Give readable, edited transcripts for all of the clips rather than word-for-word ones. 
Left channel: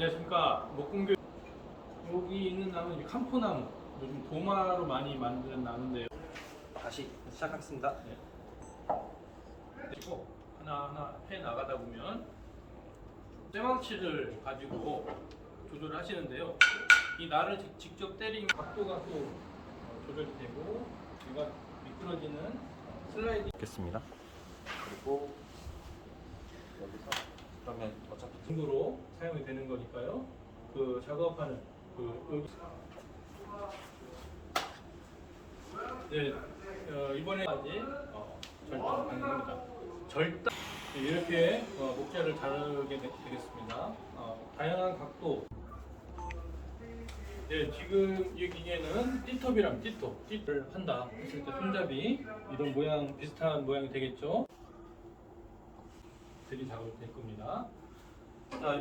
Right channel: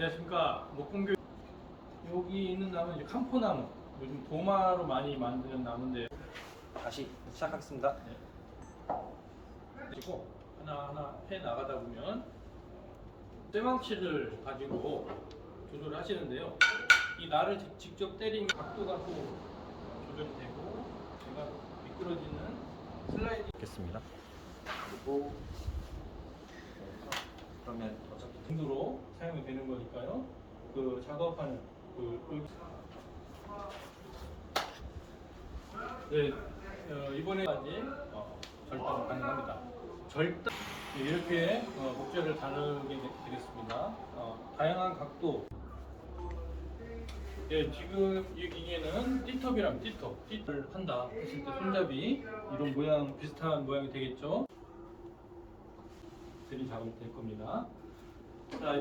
안녕하십니까. 목공교 여기 있는 나무는 이제 캄포나무, 요즘 도마로 많이 만드는 나무인데요. 다시 시작하겠습니다. 그리고 하나하나 해 나가다 보면 쇠망치를 가지고 조절을 하시는데요. 이 날을 직접 때린 각도가 또 조절이 되고, 제가 미끄러지는 슬라이딩 됐습니다. 그리고 그러면 어차피 정도로 사용이 되는 거니까요. 그 작업하는 여기 이번에까지 절단 가능합니다. 절단 이렇게 목재를 다루게 되겠습니다. 다양한 각도. 네, 지금 이 기계는 띠톱이랑 띠톱을 한다 했을 때 손잡이 이런 모양 비슷한 모양이 되겠죠. 드릴 작업이 될 겁니다. 자,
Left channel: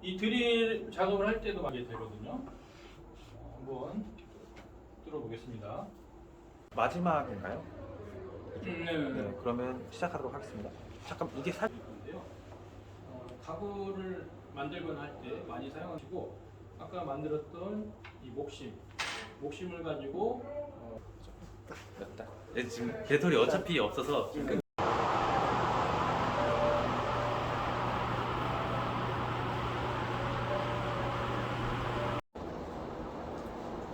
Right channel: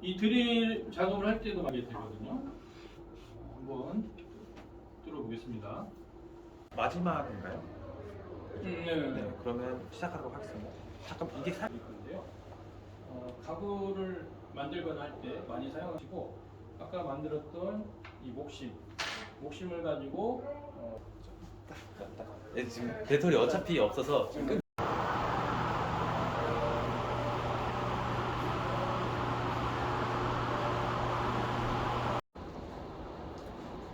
이 드릴 작업을 할 때도 많이 되거든요. 한번 뚫어보겠습니다. 마지막인가요? 네. 그러면 시작하도록 하겠습니다. 잠깐 이게 살 건데요. 가구를 만들거나 할 때 많이 사용하시고, 아까 만들었던 이 목심을 가지고 지금 배터리 어차피 없어서 지금 끄...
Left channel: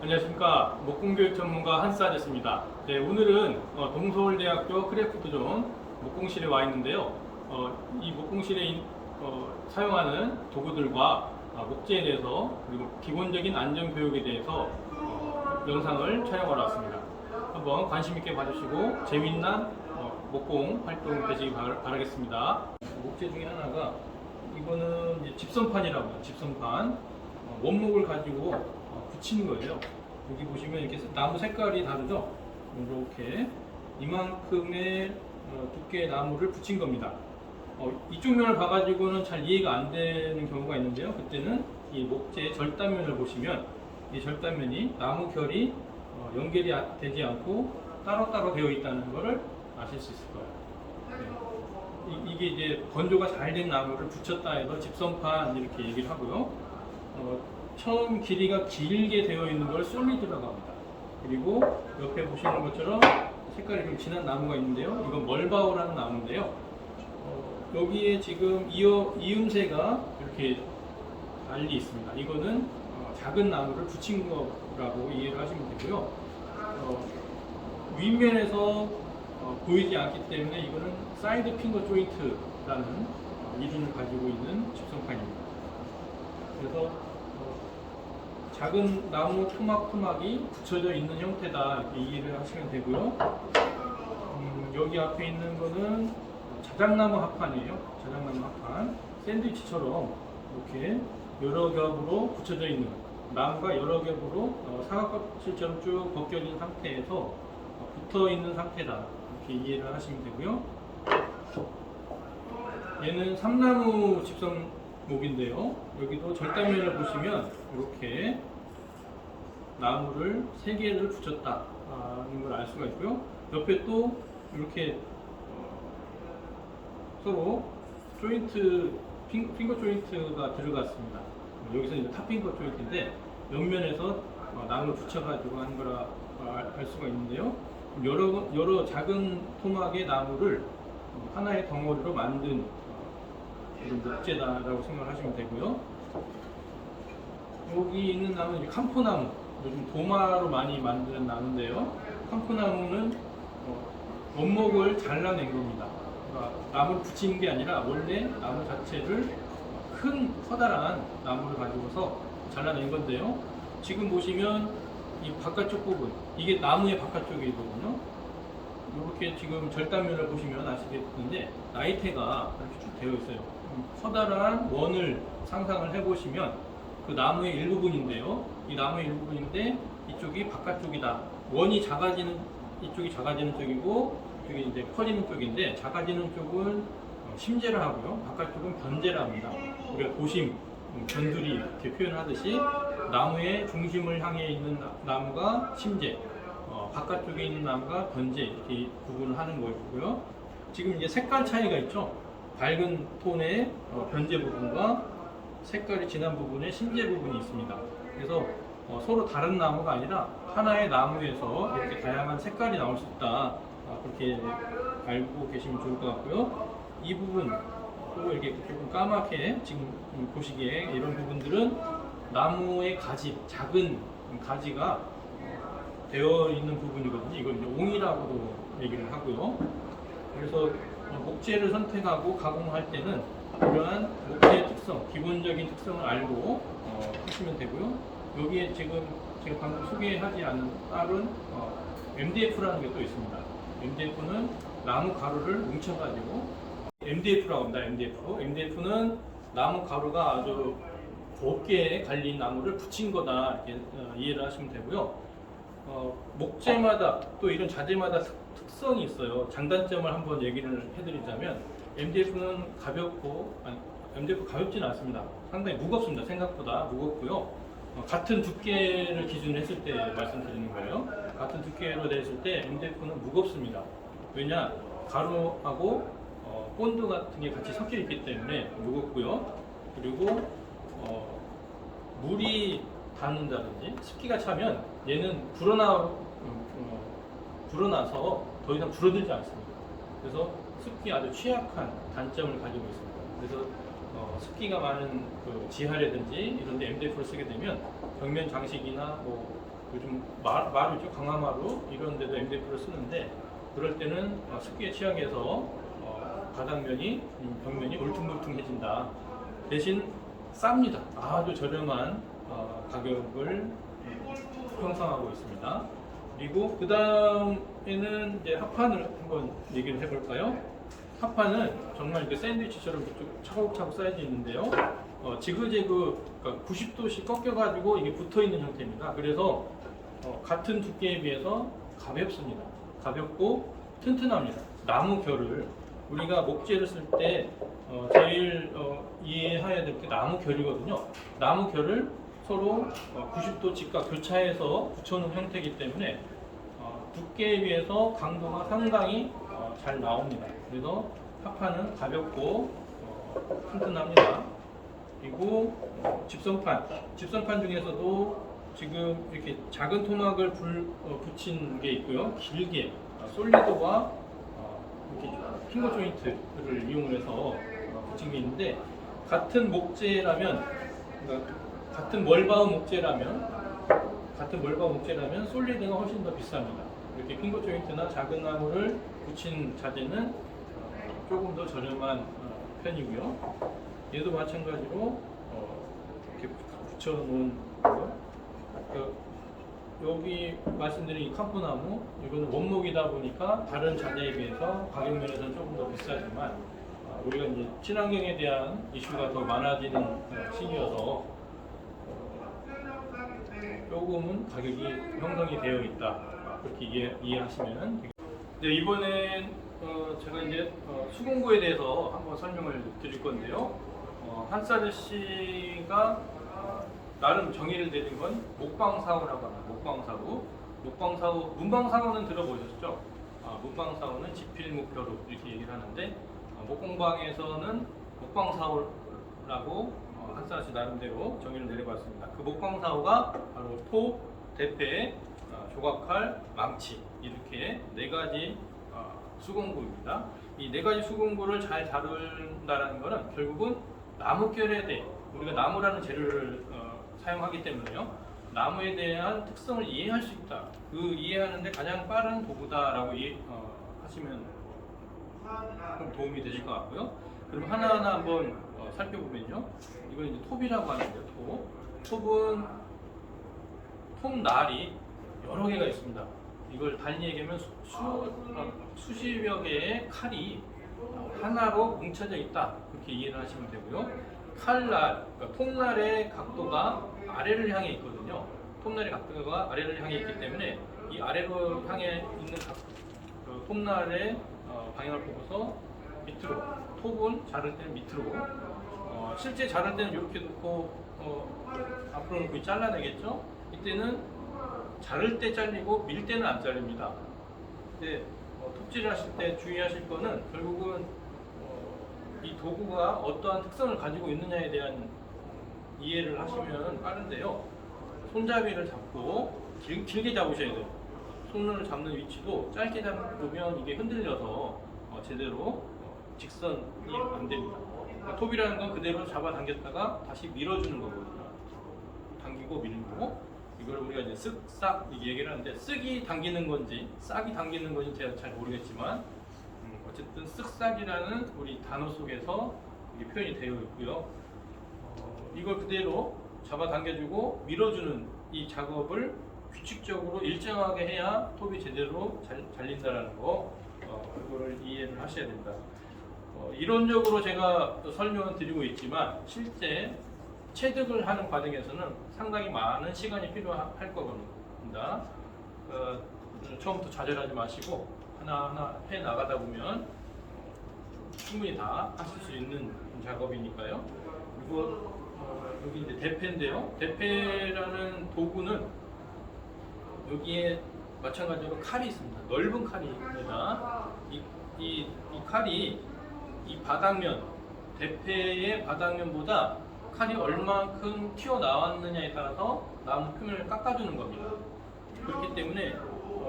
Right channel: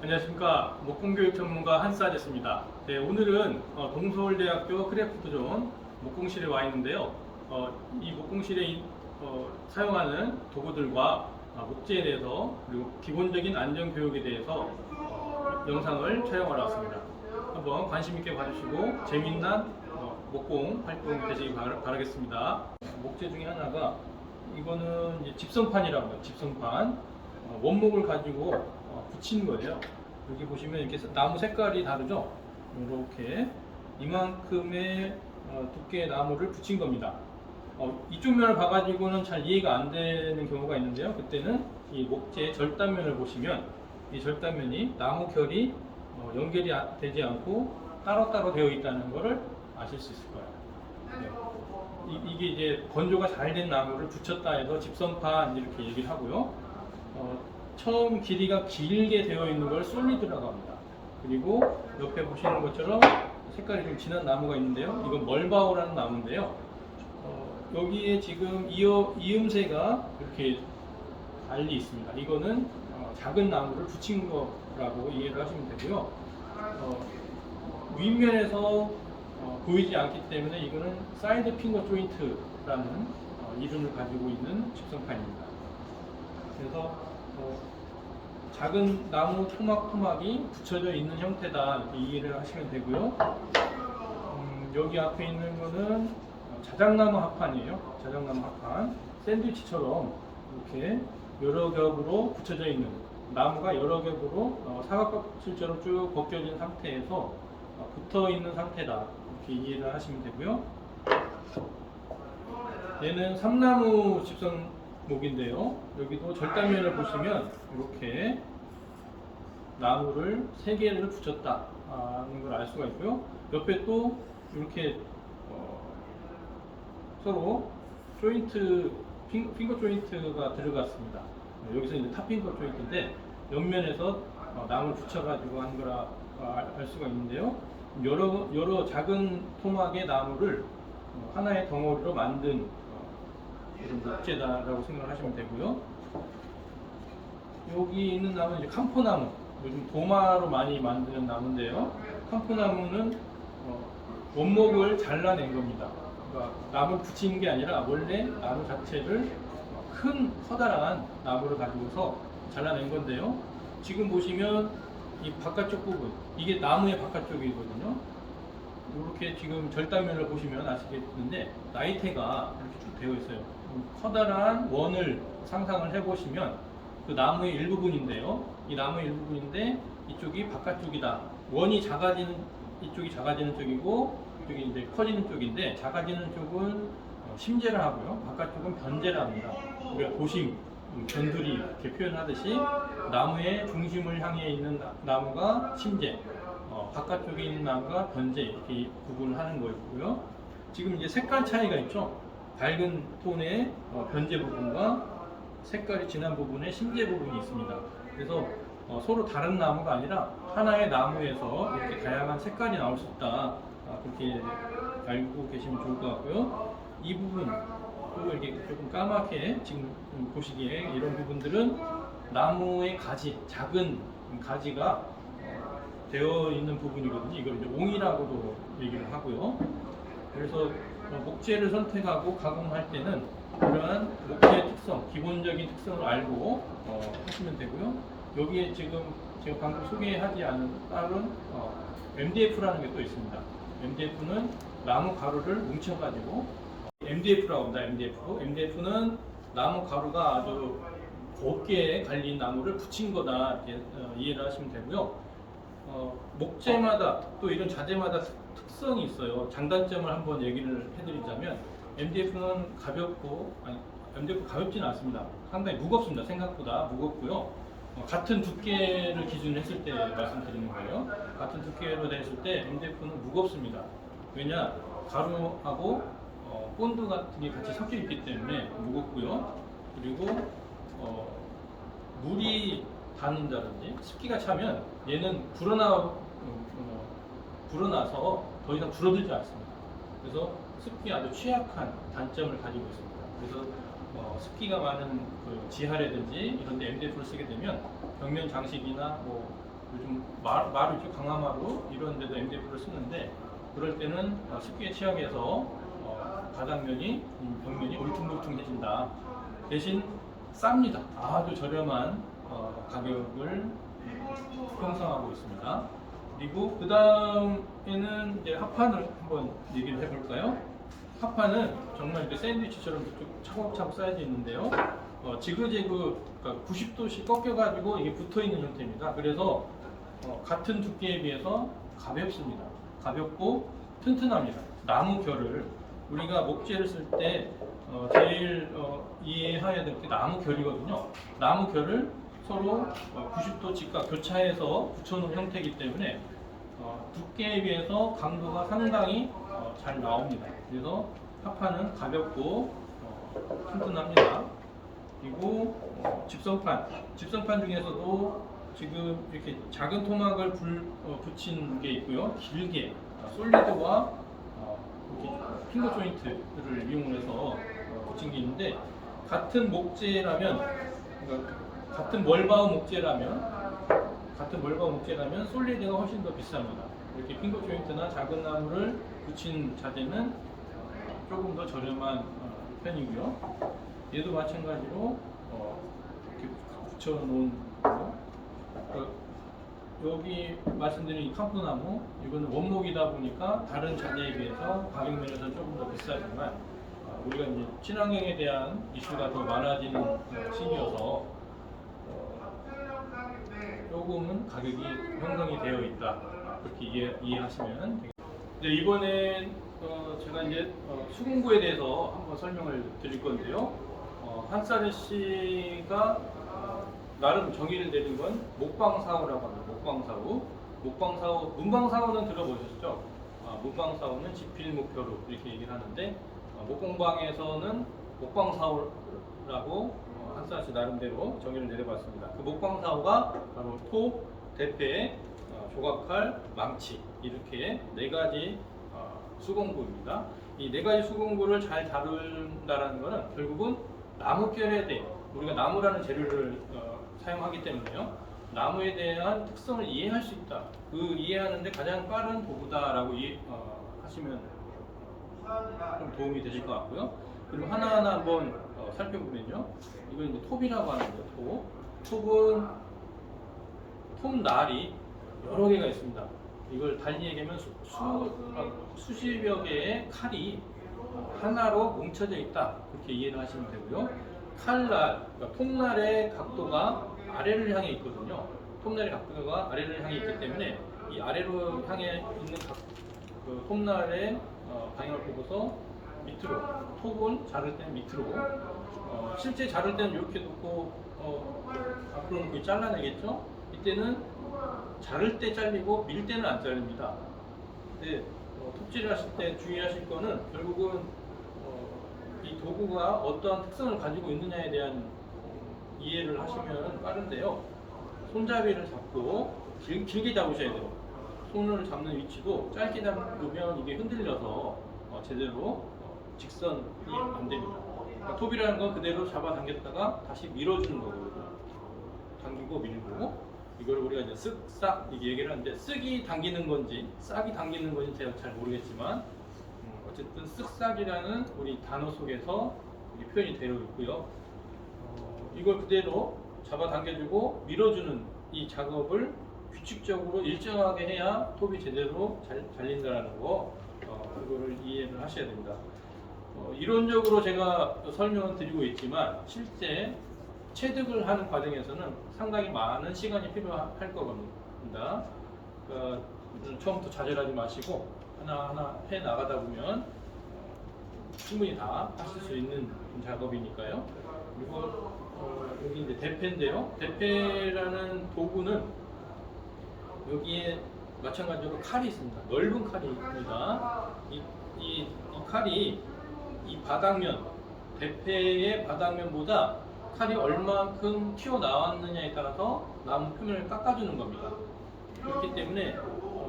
안녕하십니까. 목공교육 전문가 한스아저씨입니다. 네, 오늘은 동서울대학교 크래프트존 목공실에 와 있는데요. 이 목공실에 사용하는 도구들과 목재에 대해서, 그리고 기본적인 안전교육에 대해서 영상을 촬영하러 왔습니다. 한번 관심 있게 봐주시고 재미난 목공 활동 되시기 바라겠습니다. 목재 중에 하나가 이거는 이제 집성판이라고 해요. 집성판. 원목을 가지고 붙이는 거예요. 여기 보시면 이렇게 나무 색깔이 다르죠? 이렇게 이만큼의 두께의 나무를 붙인 겁니다. 이쪽 면을 봐가지고는 잘 이해가 안 되는 경우가 있는데요. 그때는 이 목재의 절단면을 보시면 이 절단면이 나무 결이 연결이 되지 않고 따로따로 되어 있다는 것을 아실 수 있을 거예요. 네. 이게 이제 건조가 잘 된 나무를 붙였다 해서 집성판 이렇게 얘기를 하고요. 처음 길이가 길게 되어 있는 걸 솔리드라고 합니다. 그리고 옆에 보시는 것처럼 색깔이 좀 진한 나무가 있는데요. 이건 멀바오라는 나무인데요. 여기에 지금 이음새가 이렇게 달리 있습니다. 이거는 작은 나무를 붙인 거라고 이해를 하시면 되고요. 윗면에서 보이지 않기 때문에 이거는 사이드 핑거 조인트라는 이름을 가지고 있는 집성판입니다. 그래서 작은 나무 토막이 붙여져 있는 형태다, 이렇게 이해를 하시면 되고요. 여기 앞에 있는 거는 자작나무 합판이에요. 자작나무 합판. 샌드위치처럼 이렇게 여러 겹으로 붙여져 있는, 나무가 여러 겹으로 사각껍질처럼 쭉 벗겨진 상태에서 붙어 있는 상태다, 이렇게 이해를 하시면 되고요. 얘는 삼나무 집성목인데요. 여기도 절단면을 보시면 이렇게 나무를 3개를 붙였다는 걸 알 수가 있고요. 옆에 또 이렇게 서로 조인트, 핑거 조인트가 들어갔습니다. 여기서 이제 탑핑거 조인트인데 옆면에서 나무를 붙여가지고 한 거라 알 수가 있는데요. 여러 작은 토막의 나무를 하나의 덩어리로 만든 이런 목재다라고 생각을 하시면 되고요. 여기 있는 나무는 이제 캄포나무, 요즘 도마로 많이 만드는 나무인데요. 캄포나무는 원목을 잘라낸 겁니다. 그러니까 나무를 붙이는 게 아니라 원래 나무 자체를 큰 커다란 나무를 가지고서 잘라낸 건데요. 지금 보시면 이 바깥쪽 부분, 이게 나무의 바깥쪽이거든요. 이렇게 지금 절단면을 보시면 아시겠는데 나이테가 이렇게 쭉 되어 있어요. 커다란 원을 상상을 해보시면 그 나무의 일부분인데요. 이 나무의 일부분인데 이쪽이 바깥쪽이다. 원이 작아지는, 이쪽이 작아지는 쪽이고 이쪽이 이제 커지는 쪽인데, 작아지는 쪽은 심재라 하고요. 바깥쪽은 변재라 합니다. 우리가 도심, 변두리 이렇게 표현하듯이 나무의 중심을 향해 있는 나무가 심재, 바깥쪽에 있는 나무가 변재, 이렇게 구분을 하는 거고요. 지금 이제 색깔 차이가 있죠. 밝은 톤의 변재 부분과 색깔이 진한 부분에 심재 부분이 있습니다. 그래서 서로 다른 나무가 아니라 하나의 나무에서 이렇게 다양한 색깔이 나올 수 있다. 그렇게 알고 계시면 좋을 것 같고요. 이 부분 또 이렇게 조금 까맣게 지금 보시기에 이런 부분들은 나무의 가지, 작은 가지가 되어 있는 부분이거든요. 이걸 이제 옹이라고도 얘기를 하고요. 그래서 목재를 선택하고 가공할 때는 그러한 목재의 특성, 기본적인 특성을 알고 하시면 되고요. 여기에 지금 제가 방금 소개하지 않은 다른 MDF라는 게 또 있습니다. MDF는 나무 가루를 뭉쳐가지고 MDF라고 합니다. MDF는 나무 가루가 아주 곱게 갈린 나무를 붙인 거다 이렇게 이해를 하시면 되고요. 목재마다 또 이런 자재마다 특성이 있어요. 장단점을 한번 얘기를 해드리자면 MDF는 MDF 가볍지는 않습니다. 상당히 무겁습니다. 생각보다 무겁고요. 같은 두께를 기준으로 했을 때 말씀드리는 거예요. 같은 두께로 됐을 때 MDF는 무겁습니다. 왜냐? 가루하고 본드 같은 게 같이 섞여 있기 때문에 무겁고요. 그리고 물이 닿는다든지 습기가 차면 얘는 불어나서 더 이상 줄어들지 않습니다. 그래서 습기에 아주 취약한 단점을 가지고 있습니다. 그래서 습기가 많은 그 지하라든지 이런 데 MDF를 쓰게 되면 벽면 장식이나 뭐 요즘 마루 있죠, 강화마루 이런 데도 MDF를 쓰는데 그럴 때는 습기에 취약해서 바닥면이 벽면이 울퉁불퉁해진다. 대신 쌉니다. 아주 저렴한 가격을 형성하고 있습니다. 그리고 그 다음에는 이제 합판을 한번 얘기를 해볼까요? 합판은 정말 이렇게 샌드위치처럼 차곡차곡 쌓여져 있는데요. 지그재그 그러니까 90도씩 꺾여가지고 이게 붙어 있는 형태입니다. 그래서 같은 두께에 비해서 가볍습니다. 가볍고 튼튼합니다. 나무 결을 우리가 목재를 쓸 때 제일 이해해야 될 게 나무 결이거든요. 나무 결을 서로 90도 직각 교차해서 붙여놓은 형태이기 때문에 두께에 비해서 강도가 상당히 잘 나옵니다. 그래서 합판은 가볍고 튼튼합니다. 그리고 집성판 중에서도 지금 이렇게 작은 토막을 붙인 게 있고요. 길게 솔리드와 이렇게 핑거 조인트를 이용해서 붙인 게 있는데 같은 목재라면 그러니까 같은 멀바우 목재라면 솔리드가 훨씬 더 비쌉니다. 이렇게 핑거 조인트나 작은 나무를 붙인 자재는 조금 더 저렴한 편이고요. 얘도 마찬가지로 이렇게 붙여놓은 거요. 여기 말씀드린 이 캄포나무 이거는 원목이다 보니까 다른 자재에 비해서 가격 면에서는 조금 더 비싸지만 우리가 이제 친환경에 대한 이슈가 더 많아지는 시기여서 조금은 가격이 형성이 되어 있다. 그렇게 이해하시면 되겠습니다. 이번엔 제가 이제 수공구에 대해서 한번 설명을 드릴 건데요. 한스 아저씨가 나름 정의를 내린 건 목방사후라고 합니다. 목방사후, 문방사후는 들어보셨죠? 문방사후는 지필목표로 이렇게 얘기를 하는데 목공방에서는 목방사후라고 한스 아저씨 나름대로 정의를 내려봤습니다. 그 목방사후가 바로 톱, 대패, 조각칼, 망치 이렇게 네 가지 수공구입니다. 이 네 가지 수공구를 잘 다룬다는 것은 결국은 나무결에 대해 우리가 나무라는 재료를 사용하기 때문에요. 나무에 대한 특성을 이해할 수 있다. 그 이해하는데 가장 빠른 도구다라고 하시면 좀 도움이 되실 것 같고요. 그럼 하나하나 한번 살펴보면요. 이건 이제 톱이라고 하는데요. 톱은 톱날이 여러 개가 있습니다. 이걸 달리 얘기하면 수십여 개의 칼이 하나로 뭉쳐져 있다. 그렇게 이해를 하시면 되고요. 칼날, 그러니까 톱날의 각도가 아래를 향해 있거든요. 톱날의 각도가 아래를 향해 있기 때문에 이 아래로 향해 있는 그 톱날의 방향을 보고서 밑으로, 톱은 자를 때는 밑으로, 실제 자를 때는 이렇게 놓고 앞으로 놓고 잘라내겠죠. 이때는 자를 때 잘리고 밀 때는 안 잘립니다. 근데 톱질을 하실 때 주의하실 거는 결국은 이 도구가 어떠한 특성을 가지고 있느냐에 대한 이해를 하시면 빠른데요. 손잡이를 잡고 길게 잡으셔야 돼요. 손을 잡는 위치도 짧게 잡으면 이게 흔들려서 제대로 직선이 안 됩니다. 그러니까 톱이라는 건 그대로 잡아당겼다가 다시 밀어주는 거거든요. 당기고 밀고 이걸 우리가 이제 쓱싹 얘기를 하는데 쓱이 당기는 건지 싹이 당기는 건지 제가 잘 모르겠지만 어쨌든 쓱싹이라는 우리 단어 속에서 이게 표현이 되어 있고요. 이걸 그대로 잡아당겨주고 밀어주는 이 작업을 규칙적으로 일정하게 해야 톱이 제대로 잘린다는 거 그거를 이해를 하셔야 됩니다. 이론적으로 제가 설명을 드리고 있지만 실제 체득을 하는 과정에서는 상당히 많은 시간이 필요할 겁니다. 처음부터 좌절하지 마시고 하나하나 해 나가다 보면 충분히 다 하실 수 있는 작업이니까요. 그리고 여기 이제 대패인데요. 대패라는 도구는 여기에 마찬가지로 칼이 있습니다. 넓은 칼입니다. 이 칼이 이 바닥면, 대패의 바닥면보다 칼이 얼만큼 튀어나왔느냐에 따라서 나무 표면을 깎아주는 겁니다. 그렇기 때문에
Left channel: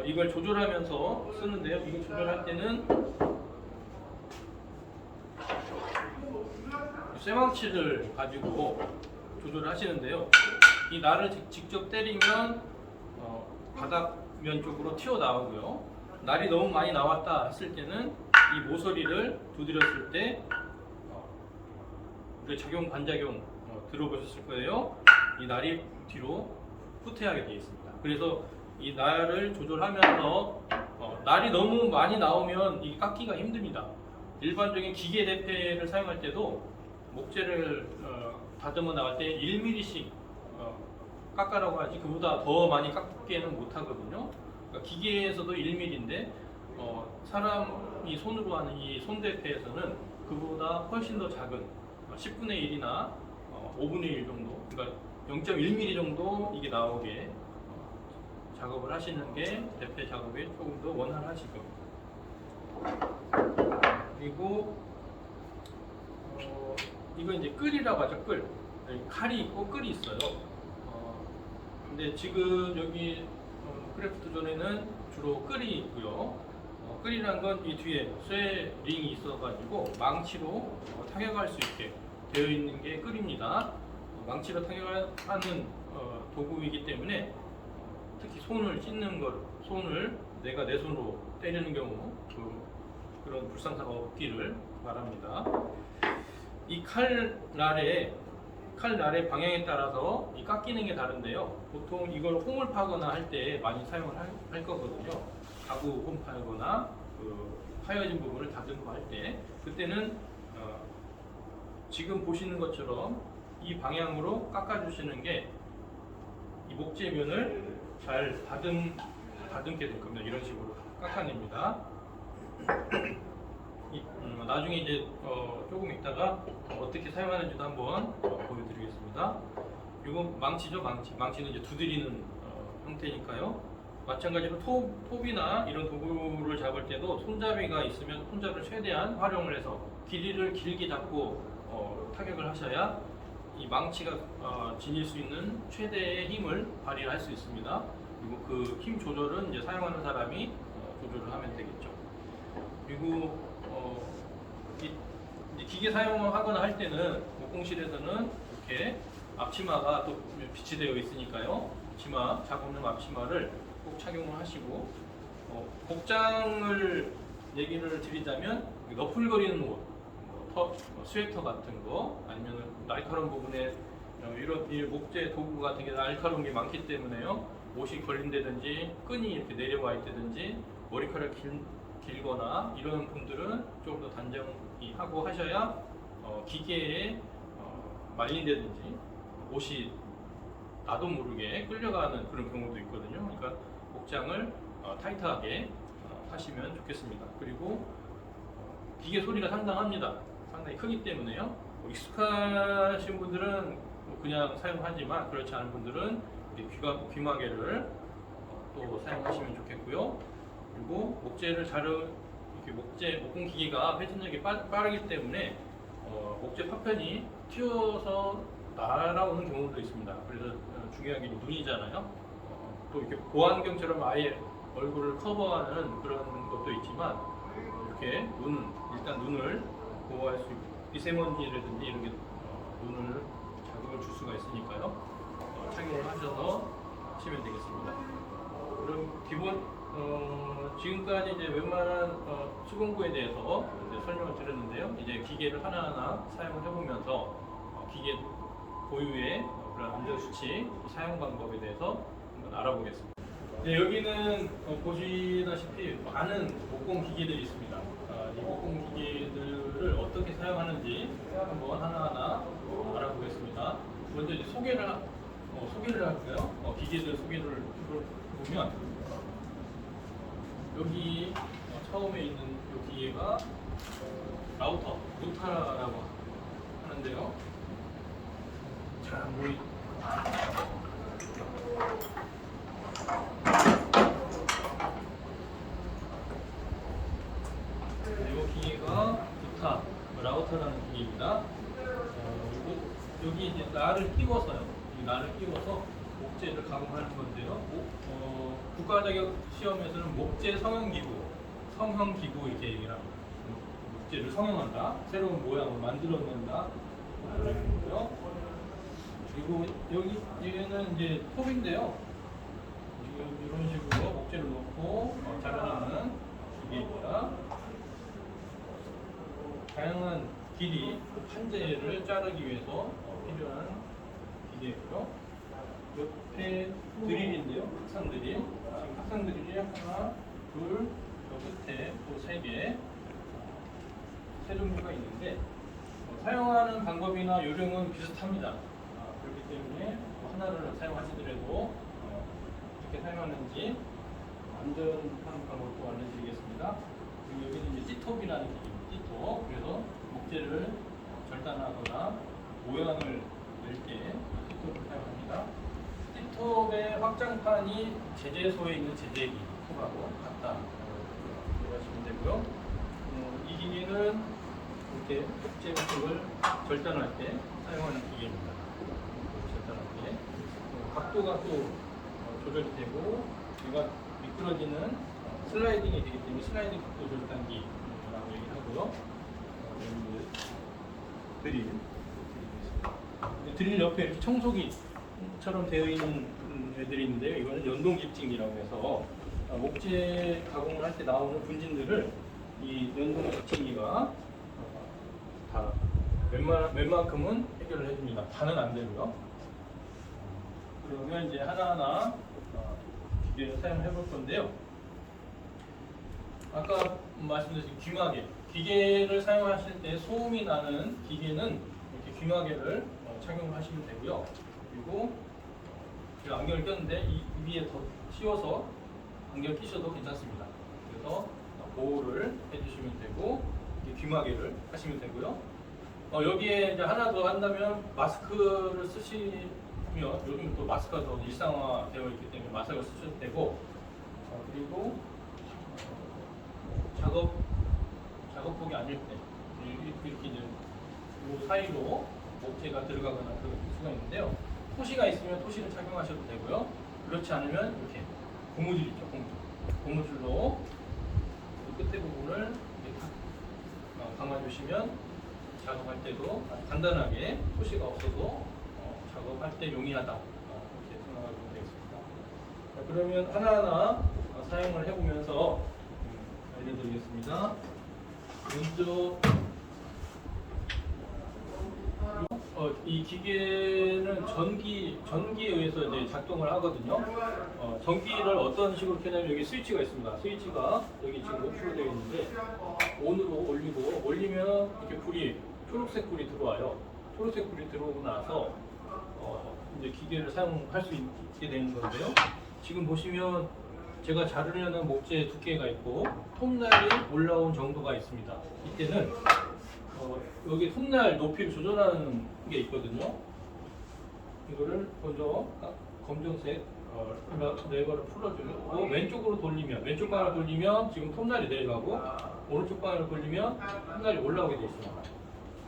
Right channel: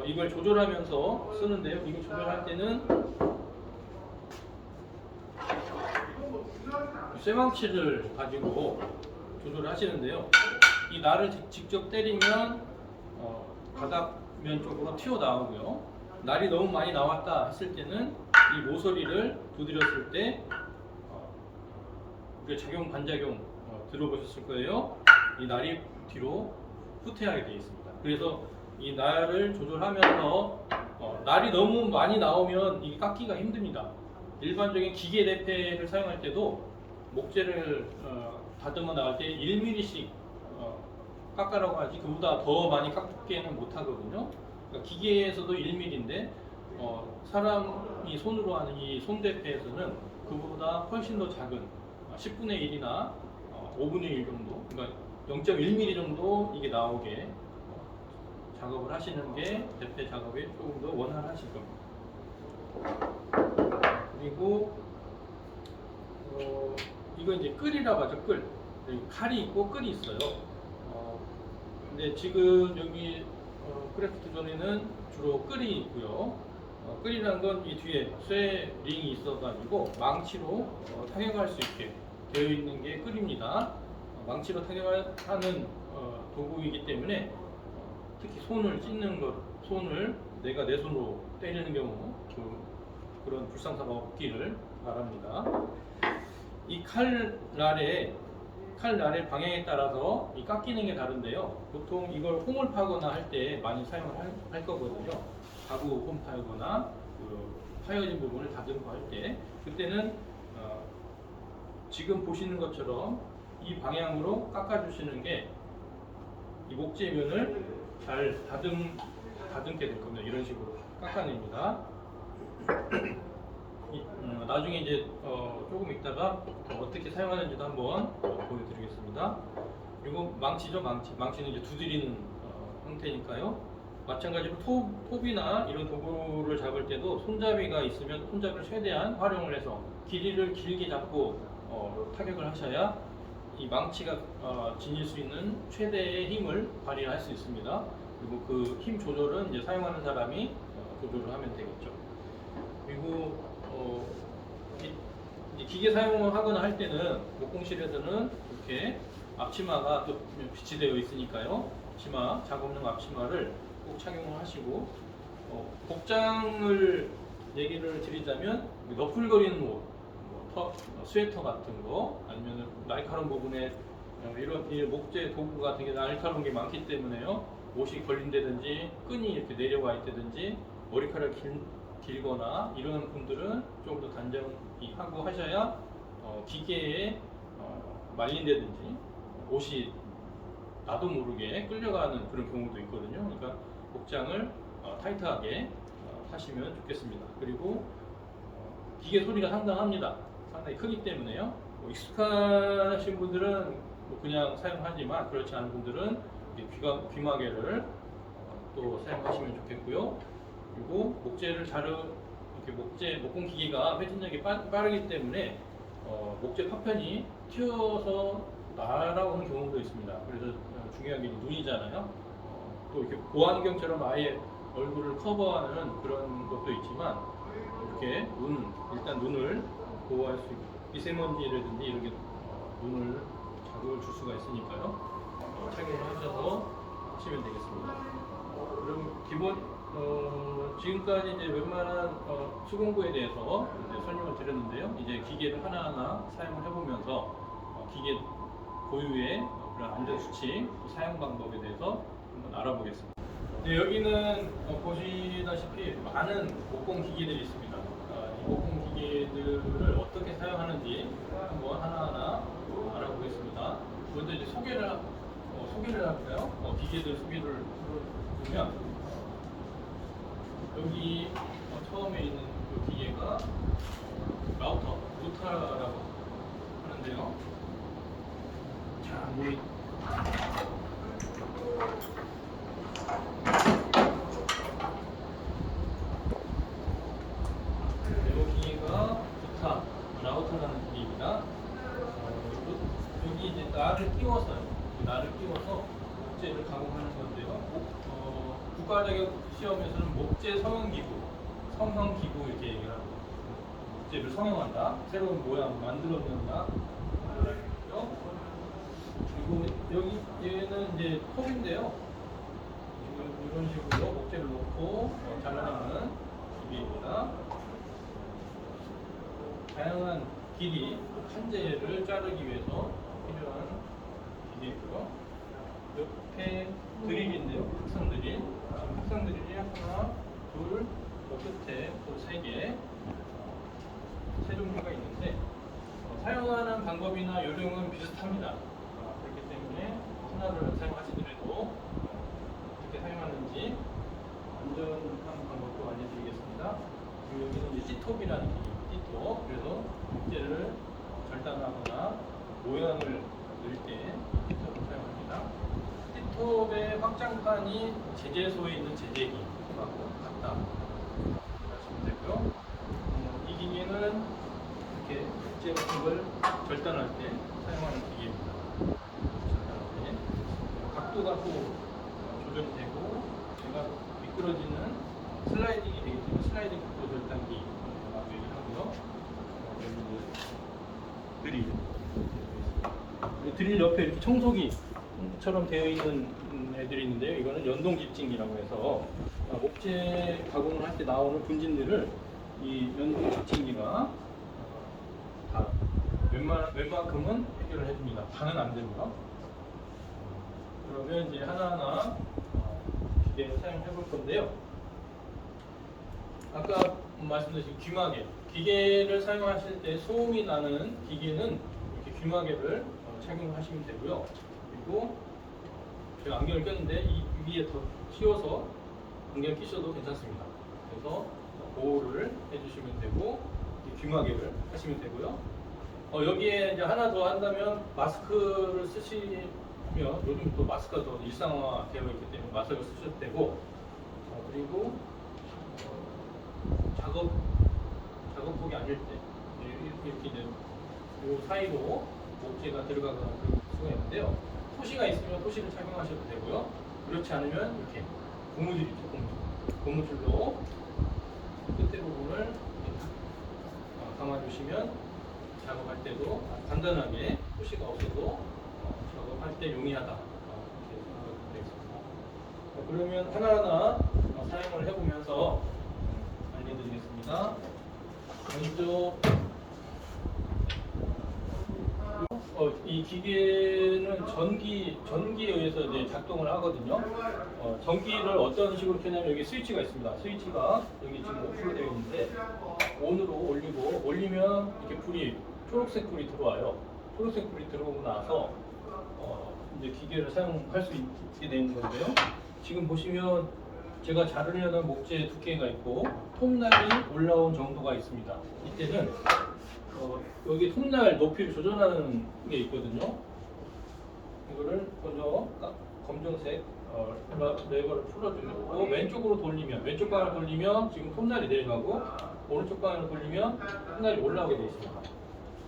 이걸 조절하면서 쓰는데요. 이걸 조절할 때는 쇠망치를 가지고 조절을 하시는데요. 이 날을 직접 때리면 바닥면 쪽으로 튀어나오고요. 날이 너무 많이 나왔다 했을 때는 이 모서리를 두드렸을 때 작용 반작용 들어보셨을 거예요. 이 날이 뒤로 후퇴하게 되어 있습니다. 그래서 이 날을 조절하면서 날이 너무 많이 나오면 이 깎기가 힘듭니다. 일반적인 기계 대패를 사용할 때도 목재를 다듬어 나갈 때 1mm씩 깎아라고 하지 그보다 더 많이 깎기는 못 하거든요. 그러니까 기계에서도 1mm인데 사람이 손으로 하는 이 손대패에서는 그보다 훨씬 더 작은 10분의 1이나 5분의 1 정도, 그러니까 0.1mm 정도 이게 나오게 작업을 하시는 게 대패 작업에 조금 더 원활하실 겁니다. 그리고 이거 이제 끌이라고 하죠. 끌. 칼이 있고 끌이 있어요. 근데 지금 여기 크래프트 존에는 주로 끌이 있고요. 끌이라는 건 이 뒤에 쇠 링이 있어가지고 망치로 타격할 수 있게 되어 있는 게 끌입니다. 망치로 타격하는 도구이기 때문에 특히 손을 찢는 것, 손을 내가 내 손으로 때리는 경우 그런 불상사가 없기를 바랍니다. 이 칼날의 방향에 따라서 이 깎이는 게 다른데요. 보통 이걸 홈을 파거나 할 때 많이 사용을 할 거거든요. 가구 홈 파거나 파여진 부분을 다듬고 할 때 그때는 지금 보시는 것처럼 이 방향으로 깎아주시는 게 이 목재면을 잘 다듬게 될 겁니다. 이런 식으로 깎아냅니다. 나중에 이제 조금 있다가 어떻게 사용하는지도 한번 보여드리겠습니다. 그리고 망치죠, 망치는 이제 두드리는 형태니까요. 마찬가지로 톱이나 이런 도구를 잡을 때도 손잡이가 있으면 손잡이를 최대한 활용을 해서 길이를 길게 잡고 타격을 하셔야 이 망치가 지닐 수 있는 최대의 힘을 발휘할 수 있습니다. 그리고 그 힘 조절은 이제 사용하는 사람이 조절을 하면 되겠죠. 그리고 이제 기계 사용을 하거나 할 때는 목공실에서는 이렇게 앞치마가 또 비치되어 있으니까요. 앞치마, 작업용 앞치마를 꼭 착용을 하시고 복장을 얘기를 드리자면 너풀거리는 옷, 스웨터 같은 거 아니면 날카로운 부분에 이런 이 목재 도구 같은 게 날카로운 게 많기 때문에요. 옷이 걸린다든지 끈이 이렇게 내려와 있다든지 머리카락이 길거나 이러는 분들은 조금 더 단정히 하고 하셔야 기계에 말린다든지 옷이 나도 모르게 끌려가는 그런 경우도 있거든요. 그러니까 복장을 타이트하게 하시면 좋겠습니다. 그리고 기계 소리가 상당합니다. 상당히 크기 때문에요. 익숙하신 분들은 그냥 사용하지만 그렇지 않은 분들은 귀마개를 또 사용하시면 좋겠고요. 그리고 목재를 이렇게 목공 기계가 회전력이 빠르기 때문에 목재 파편이 튀어서 날아오는 경우도 있습니다. 그래서 중요한 게 눈이잖아요. 또 이렇게 보안경처럼 아예 얼굴을 커버하는 그런 것도 있지만 이렇게 일단 눈을 보호할 수 있고 미세먼지라든지 이런 게 눈을 자극을 줄 수가 있으니까요. 착용을 하셔서 하시면 되겠습니다. 그럼 기본 지금까지 이제 웬만한 수공구에 대해서 이제 설명을 드렸는데요. 이제 기계를 하나하나 사용을 해보면서 기계 고유의 그런 안전 수칙, 사용 방법에 대해서 한번 알아보겠습니다. 네, 여기는 보시다시피 많은 목공 기계들이 있습니다. 이 목공 기계들을 어떻게 사용하는지 한번 하나하나 알아보겠습니다. 먼저 이제 소개를 할까요? 기계들 소개를 보면 여기 처음에 있는 이 기계가 루타라고 하는데요. 잘 안 보이. 이 기계가 라우터라는 기계입니다. 여기 이제 날을 끼워서요. 이 날을 끼워서 목재를 가공하는 건데요. 국가 자격 시험에서는 목재 성형 기구 이렇게 얘기를 합니다. 목재를 성형한다, 새로운 모양을 만들어낸다, 라는 거죠. 그리고 얘는 이제 톱인데요. 지금 이런 식으로 목재를 놓고 잘라내는 기계입니다. 다양한 길이, 판재를 자르기 위해서 필요한 기계이고요. 옆에 드릴인데요. 합상 드릴. 지금 합상 드릴이 하나, 둘, 저 끝에 또 세 개, 세 종류가 있는데 사용하는 방법이나 요령은 비슷합니다. 그렇기 때문에 하나를 사용하시더라도 어떻게 사용하는지 안전한 방법도 알려드리겠습니다. 그리고 여기는 이제 C톱이라는 C톱. 그래서 목재를 절단하거나 모양을 낼 때 C톱을 사용합니다. C톱의 확장판이 제재소에 있는 제재기 톱하고 같다라고 이해하시면 되고요. 이 기계는 이렇게 목재 같은 걸 절단할 때 사용하는 기계입니다. 절단할 때 각도가 또 조절이 되고 얘가 미끄러지는 슬라이딩이 되기 때문에 슬라이딩 각도 절단기라고 얘기하고요. 여기 드릴 옆에 이렇게 청소기처럼 되어 있는 애들이 있는데요. 이거는 연동 집진기라고 해서 목재 가공을 할 때 나오는 분진들을 이 연동 집진기가 다 웬만큼은 해결을 해줍니다. 다는 안 되고요. 그러면 이제 하나하나 기계를 사용해 볼 건데요. 아까 말씀드린 귀마개, 기계를 사용하실 때 소음이 나는 기계는 이렇게 귀마개를 착용하시면 되고요. 그리고 제가 안경을 꼈는데 이 위에 더 씌워서 안경 끼셔도 괜찮습니다. 그래서 보호를 해주시면 되고 귀마개를 하시면 되고요. 여기에 이제 하나 더 한다면 마스크를 쓰시면 요즘 또 마스크가 더 일상화 되어 있기 때문에 마스크를 쓰셔도 되고 그리고 작업복이 아닐 때 이렇게 이제 그 사이로 목재가 들어가거나 그럴 수가 있는데요. 토시가 있으면 토시를 착용하셔도 되고요. 그렇지 않으면 이렇게 고무줄 있죠, 고무줄로 끝에 부분을 이렇게 탁 감아주시면 작업할 때도 아주 간단하게 토시가 없어도 작업할 때 용이하다 이렇게 생각하시면 되겠습니다. 자, 그러면 하나하나 사용을 해보면서 알려드리겠습니다. 먼저 이 기계는 전기에 의해서 이제 작동을 하거든요. 전기를 어떤 식으로 켜냐면 여기 스위치가 있습니다. 스위치가 여기 지금 오프로 되어 있는데 온으로 올리면 이렇게 초록색 불이 들어와요. 초록색 불이 들어오고 나서 이제 기계를 사용할 수 있게 되는 건데요. 지금 보시면 제가 자르려는 목재 두께가 있고 톱날이 올라온 정도가 있습니다. 이때는 여기 톱날 높이를 조절하는 게 있거든요. 이거를 먼저 검정색 레버를 풀어주고 왼쪽으로 돌리면 왼쪽 방향을 돌리면 지금 톱날이 내려가고 오른쪽 방향을 돌리면 톱날이 올라오게 되어 있습니다.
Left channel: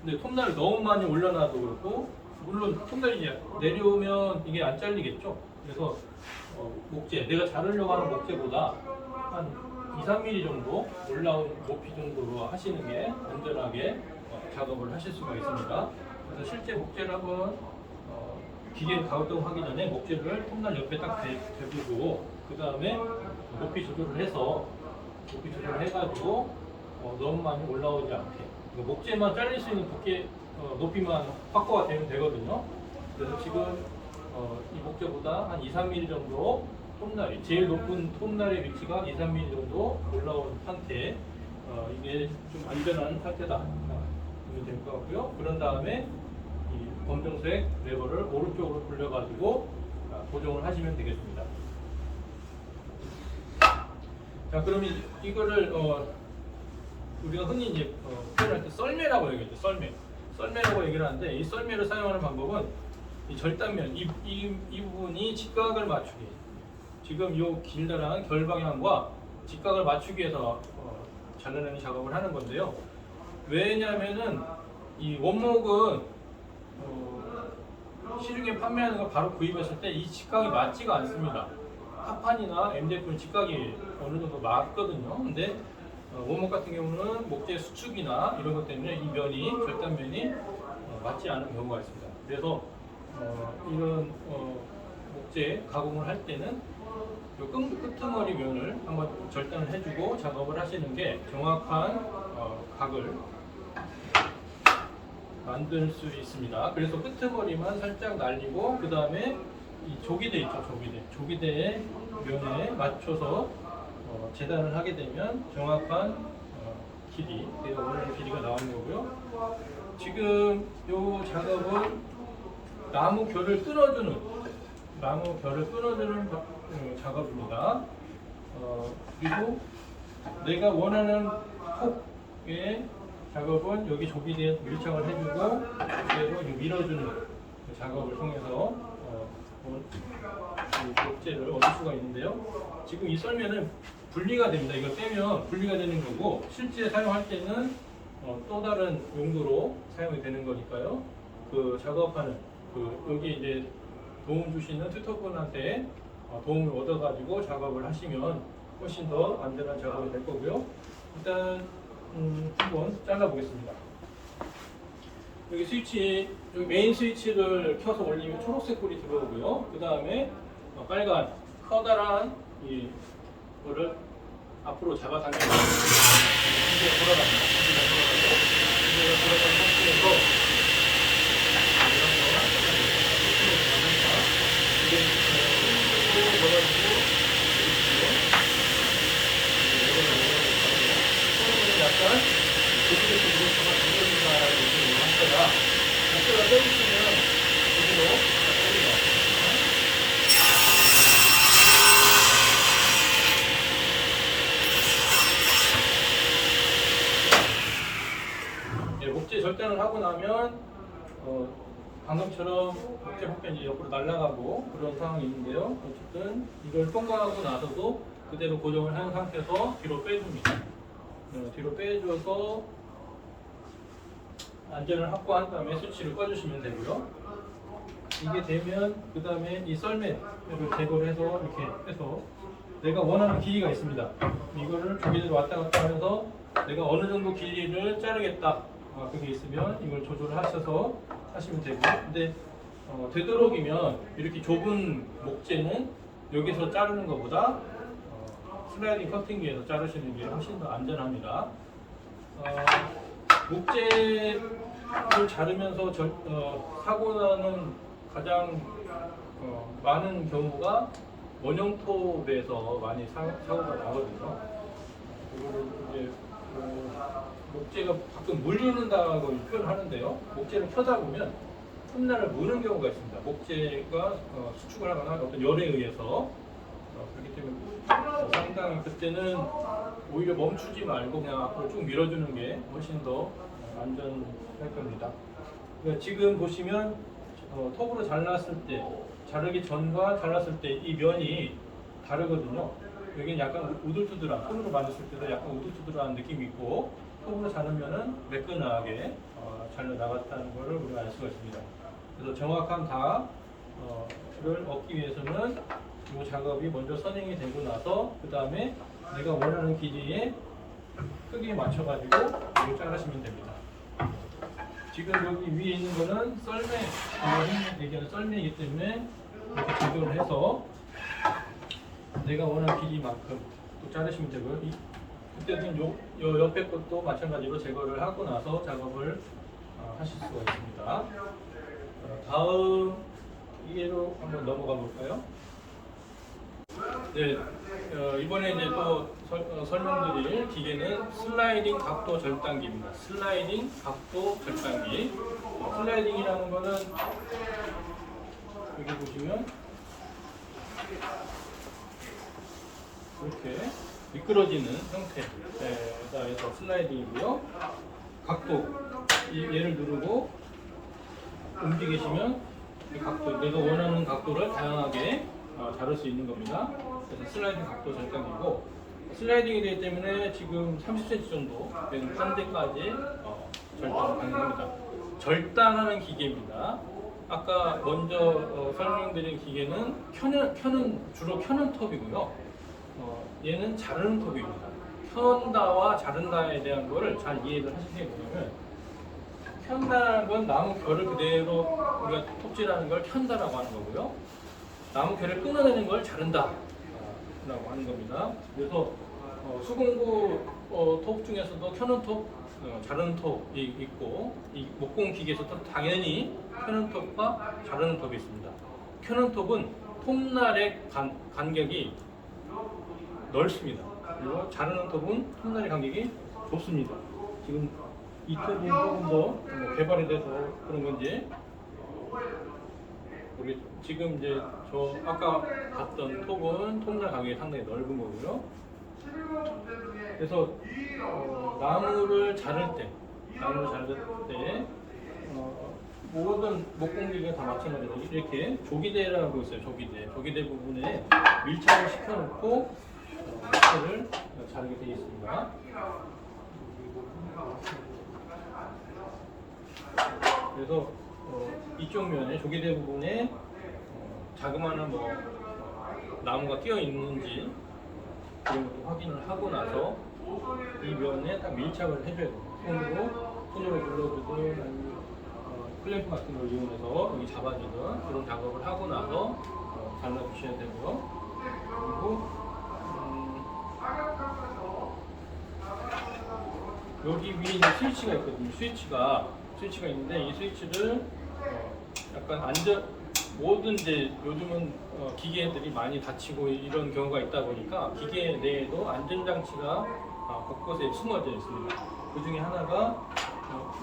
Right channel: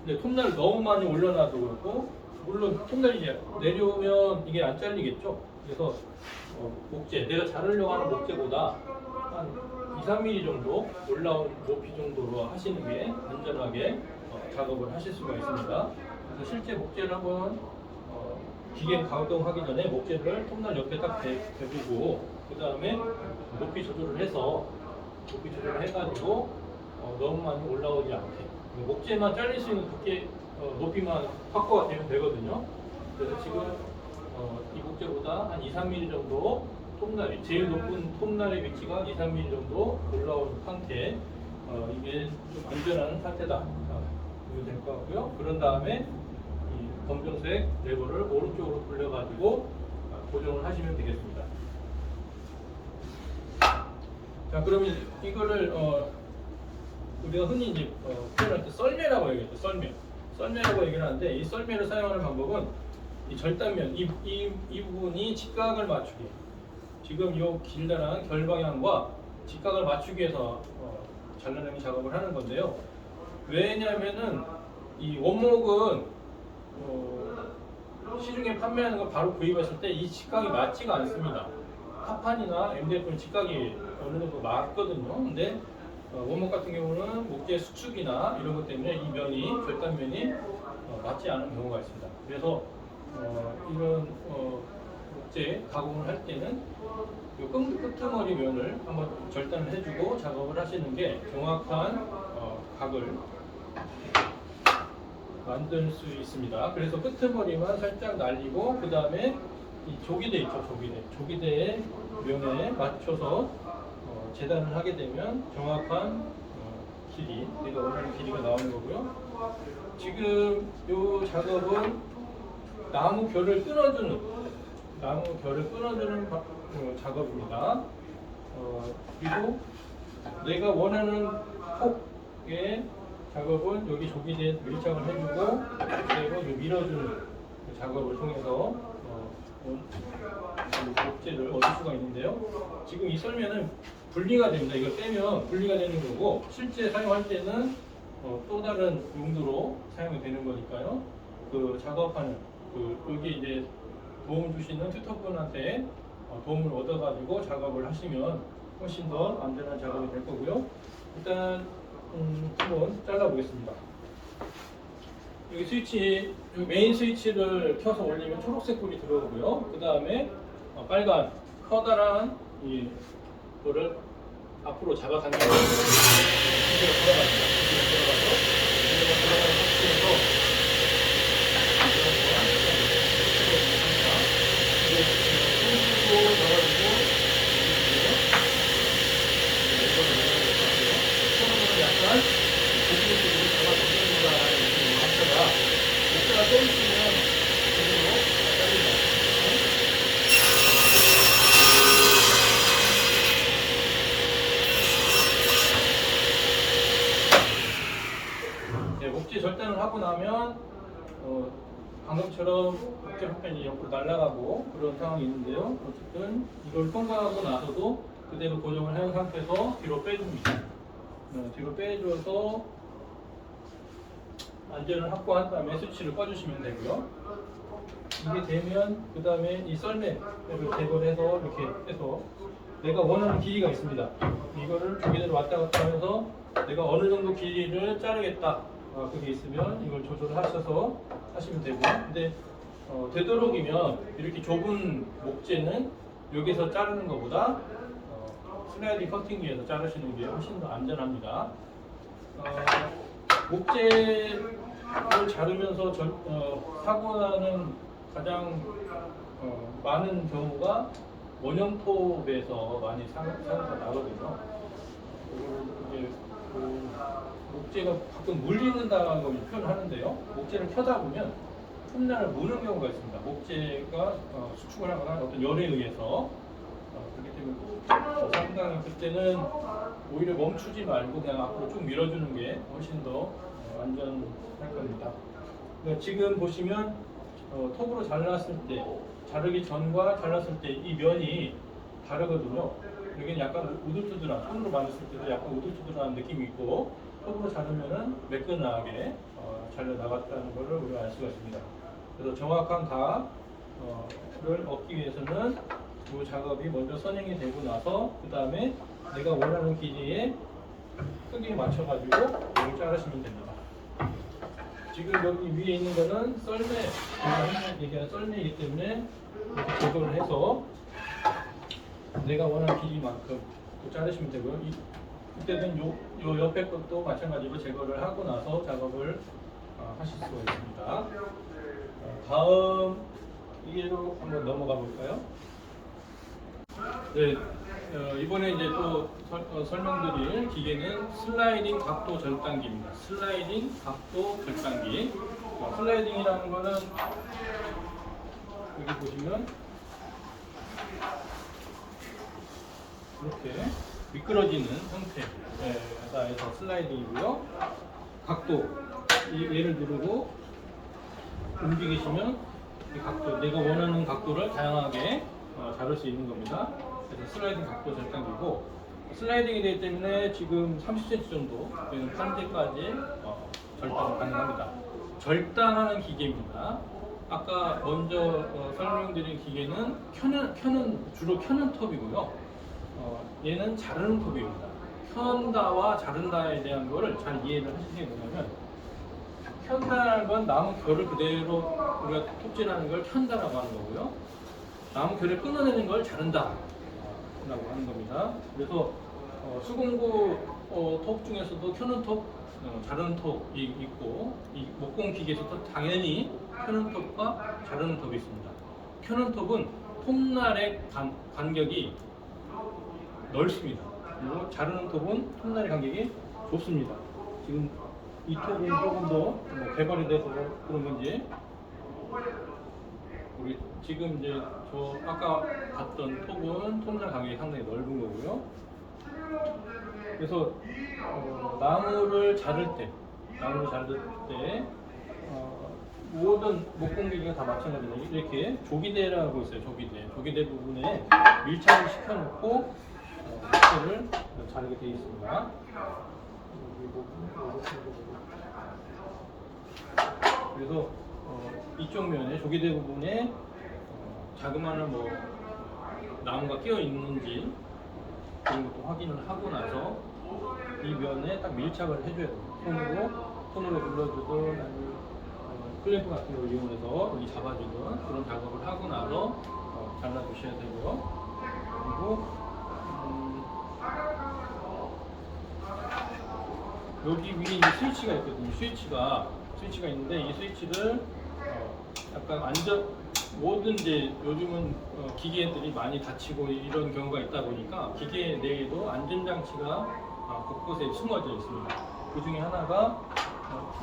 근데 톱날을 너무 많이 올려놔도 그렇고 물론 톱날이 이제 내려오면 이게 안 잘리겠죠. 그래서 목재, 내가 자르려고 하는 목재보다 한 2, 3mm 정도 올라온 높이 정도로 하시는 게 안전하게 작업을 하실 수가 있습니다. 그래서 실제 목재를 한번 기계 가동하기 전에 목재를 톱날 옆에 딱 대두고 그 다음에 높이 조절을 해가지고 너무 많이 올라오지 않게 목재만 잘릴 수 있는 두께 높이만 확보가 되면 되거든요. 그래서 지금 이 목재보다 한 2, 3mm 정도 톱날이 제일 높은 톱날의 위치가 2, 3mm 정도 올라온 상태 이게 좀 안전한 상태다 보면 될 것 같고요. 그런 다음에 이 검정색 레버를 오른쪽으로 돌려가지고 고정을 하시면 되겠습니다. 자, 그러면 이거를 우리가 흔히 이제 표현할 때 썰매라고 얘기하죠. 썰매라고 얘기를 하는데 이 썰매를 사용하는 방법은 이 절단면 이 부분이 직각을 맞추기 지금 이 길다란 결 방향과 직각을 맞추기 위해서 잘라내는 작업을 하는 건데요. 왜냐면은 이 원목은 시중에 판매하는 거 바로 구입했을 때 이 직각이 맞지가 않습니다. 합판이나 MDF는 직각이 어느 정도 맞거든요. 근데 원목 같은 경우는 목재 수축이나 이런 것 때문에 이 면이 절단면이 맞지 않은 경우가 있습니다. 그래서 이런 목재 가공을 할 때는 끄트머리 면을 한번 절단을 해주고 작업을 하시는 게 정확한 각을 만들 수 있습니다. 그래서 끄트머리만 살짝 날리고 그 다음에 이 조기대 있죠. 조기대의 면에 맞춰서 재단을 하게 되면 정확한 길이, 내가 원하는 길이가 나오는 거고요. 지금 이 작업은 나무 결을 끊어주는 작업입니다. 그리고 내가 원하는 폭의 작업은 여기 조기대에 밀착을 해주고 그대로 밀어주는 작업을 통해서 목재를 얻을 수가 있는데요. 지금 이 썰매는 분리가 됩니다. 이거 떼면 분리가 되는 거고 실제 사용할 때는 또 다른 용도로 사용이 되는 거니까요. 그 작업하는 여기 이제 도움 주시는 튜터분한테 도움을 얻어가지고 작업을 하시면 훨씬 더 안전한 작업이 될 거고요. 일단 한번 잘라보겠습니다. 여기 스위치, 여기 메인 스위치를 켜서 올리면 초록색 불이 들어오고요. 그 다음에 빨간 커다란 이거를 앞으로 잡아당겨서 돌아갑니다. 돌아가는 상태에서 이게 손으로 넣어가지고 손으로 약간 고기를 쪽으로 잡아당겨준다라는 느낌으로 하다가 목재가 떠있으면 손으로 잘립니다. 목재 절단을 하고 나면 방금처럼 목재 파편이 옆으로 날아가고 그런 상황이 있는데요. 어쨌든 이걸 통과하고 나서도 그대로 고정을 한 상태에서 뒤로 빼줍니다. 뒤로 빼줘서 안전을 확보한 다음에 스위치를 꺼주시면 되고요. 이게 되면 그 다음에 이 썰매를 제거를 해서 이렇게 해서 내가 원하는 길이가 있습니다. 이거를 조기대로 왔다 갔다 하면서 내가 어느 정도 길이를 자르겠다. 그게 있으면 이걸 조절하셔서 하시면 되고, 근데 되도록이면 이렇게 좁은 목재는 여기서 자르는 것보다 슬라이딩 커팅기에서 자르시는 게 훨씬 더 안전합니다. 목재를 자르면서 사고 나는 가장 많은 경우가 원형톱에서 많이 사고가 나거든요. 이거를 이제 목재가 가끔 물리는다고 표현을 하는데요. 목재를 켜다 보면 틈날을 무는 경우가 있습니다. 목재가 수축을 하거나 어떤 열에 의해서 그렇기 때문에 상당히 그때는 오히려 멈추지 말고 그냥 앞으로 쭉 밀어주는 게 훨씬 더 안전할 겁니다. 그러니까 지금 보시면 톱으로 잘랐을 때, 자르기 전과 잘랐을 때 이 면이 다르거든요. 여기는 약간 우들투들한, 손으로 만졌을 때도 약간 우들투들한 느낌이 있고 톱으로 자르면은 매끈하게 잘려 나갔다는 것을 우리가 알 수가 있습니다. 그래서 정확한 답을 얻기 위해서는 이 작업이 먼저 선행이 되고 나서 그 다음에 내가 원하는 길이의 크기에 맞춰가지고 이걸 자르시면 됩니다. 지금 여기 위에 있는 거는 썰매, 흔히 얘기하는 썰매이기 때문에 이렇게 제거를 해서 내가 원하는 길이만큼 또 자르시면 되고요. 그때는 요 옆에 것도 마찬가지로 제거를 하고 나서 작업을 하실 수가 있습니다. 다음 이해로 한번 넘어가 볼까요? 네, 이번에 이제 또 설명드릴 기계는 슬라이딩 각도 절단기입니다. 슬라이딩 각도 절단기. 슬라이딩이라는 거는 여기 보시면 이렇게 미끄러지는 형태가 해서 슬라이딩이고요. 각도, 얘를 누르고 움직이시면 이 각도, 내가 원하는 각도를 다양하게 자를 수 있는 겁니다. 그래서 슬라이딩 각도 절단기고, 슬라이딩이 되기 때문에 지금 30cm 정도 되는 판대까지 절단 가능합니다. 절단하는 기계입니다. 아까 먼저 설명드린 기계는 주로 켜는 톱이고요. 얘는 자르는 톱입니다. 켠다와 자른다에 대한 거를 잘 이해를 하시는 게 뭐냐면, 켠다는 건 나무 결을 그대로 우리가 톱질하는 걸 켠다라고 하는 거고요. 나무 결을 끊어내는 걸 자른다 라고 하는 겁니다. 그래서 수공구 톱 중에서도 켜는 톱, 자르는 톱이 있고, 이 목공 기계에서도 당연히 켜는 톱과 자르는 톱이 있습니다. 켜는 톱은 톱날의 간격이 넓습니다. 그리고 자르는 톱은 톱날의 간격이 좁습니다. 지금 이 톱은 조금 더 개발이 돼서 그런 건지 우리 지금 이제 저 아까 봤던 톱은 톱날 간격이 상당히 넓은 거고요. 그래서 나무를 자를 때 모든 목공기계가 다 마찬가지로 이렇게 조기대라고 있어요. 조기대 부분에 밀착을 시켜놓고 를 자르게 되어 있습니다. 그래서 이쪽 면에 조기대 부분에 자그마한 나무가 끼어 있는지 그런 것도 확인을 하고 나서 이 면에 딱 밀착을 해줘야 돼요. 손으로 눌러주든 아니면 클램프 같은 걸 이용해서 여기 잡아주든 그런 작업을 하고 나서 잘라주셔야 되고요. 그리고 여기 위에 이제 스위치가 있거든요. 스위치가 있는데 이 스위치를 약간 모든 이제 요즘은 기계들이 많이 다치고 이런 경우가 있다 보니까 기계 내에도 안전장치가 곳곳에 숨어져 있습니다. 그 중에 하나가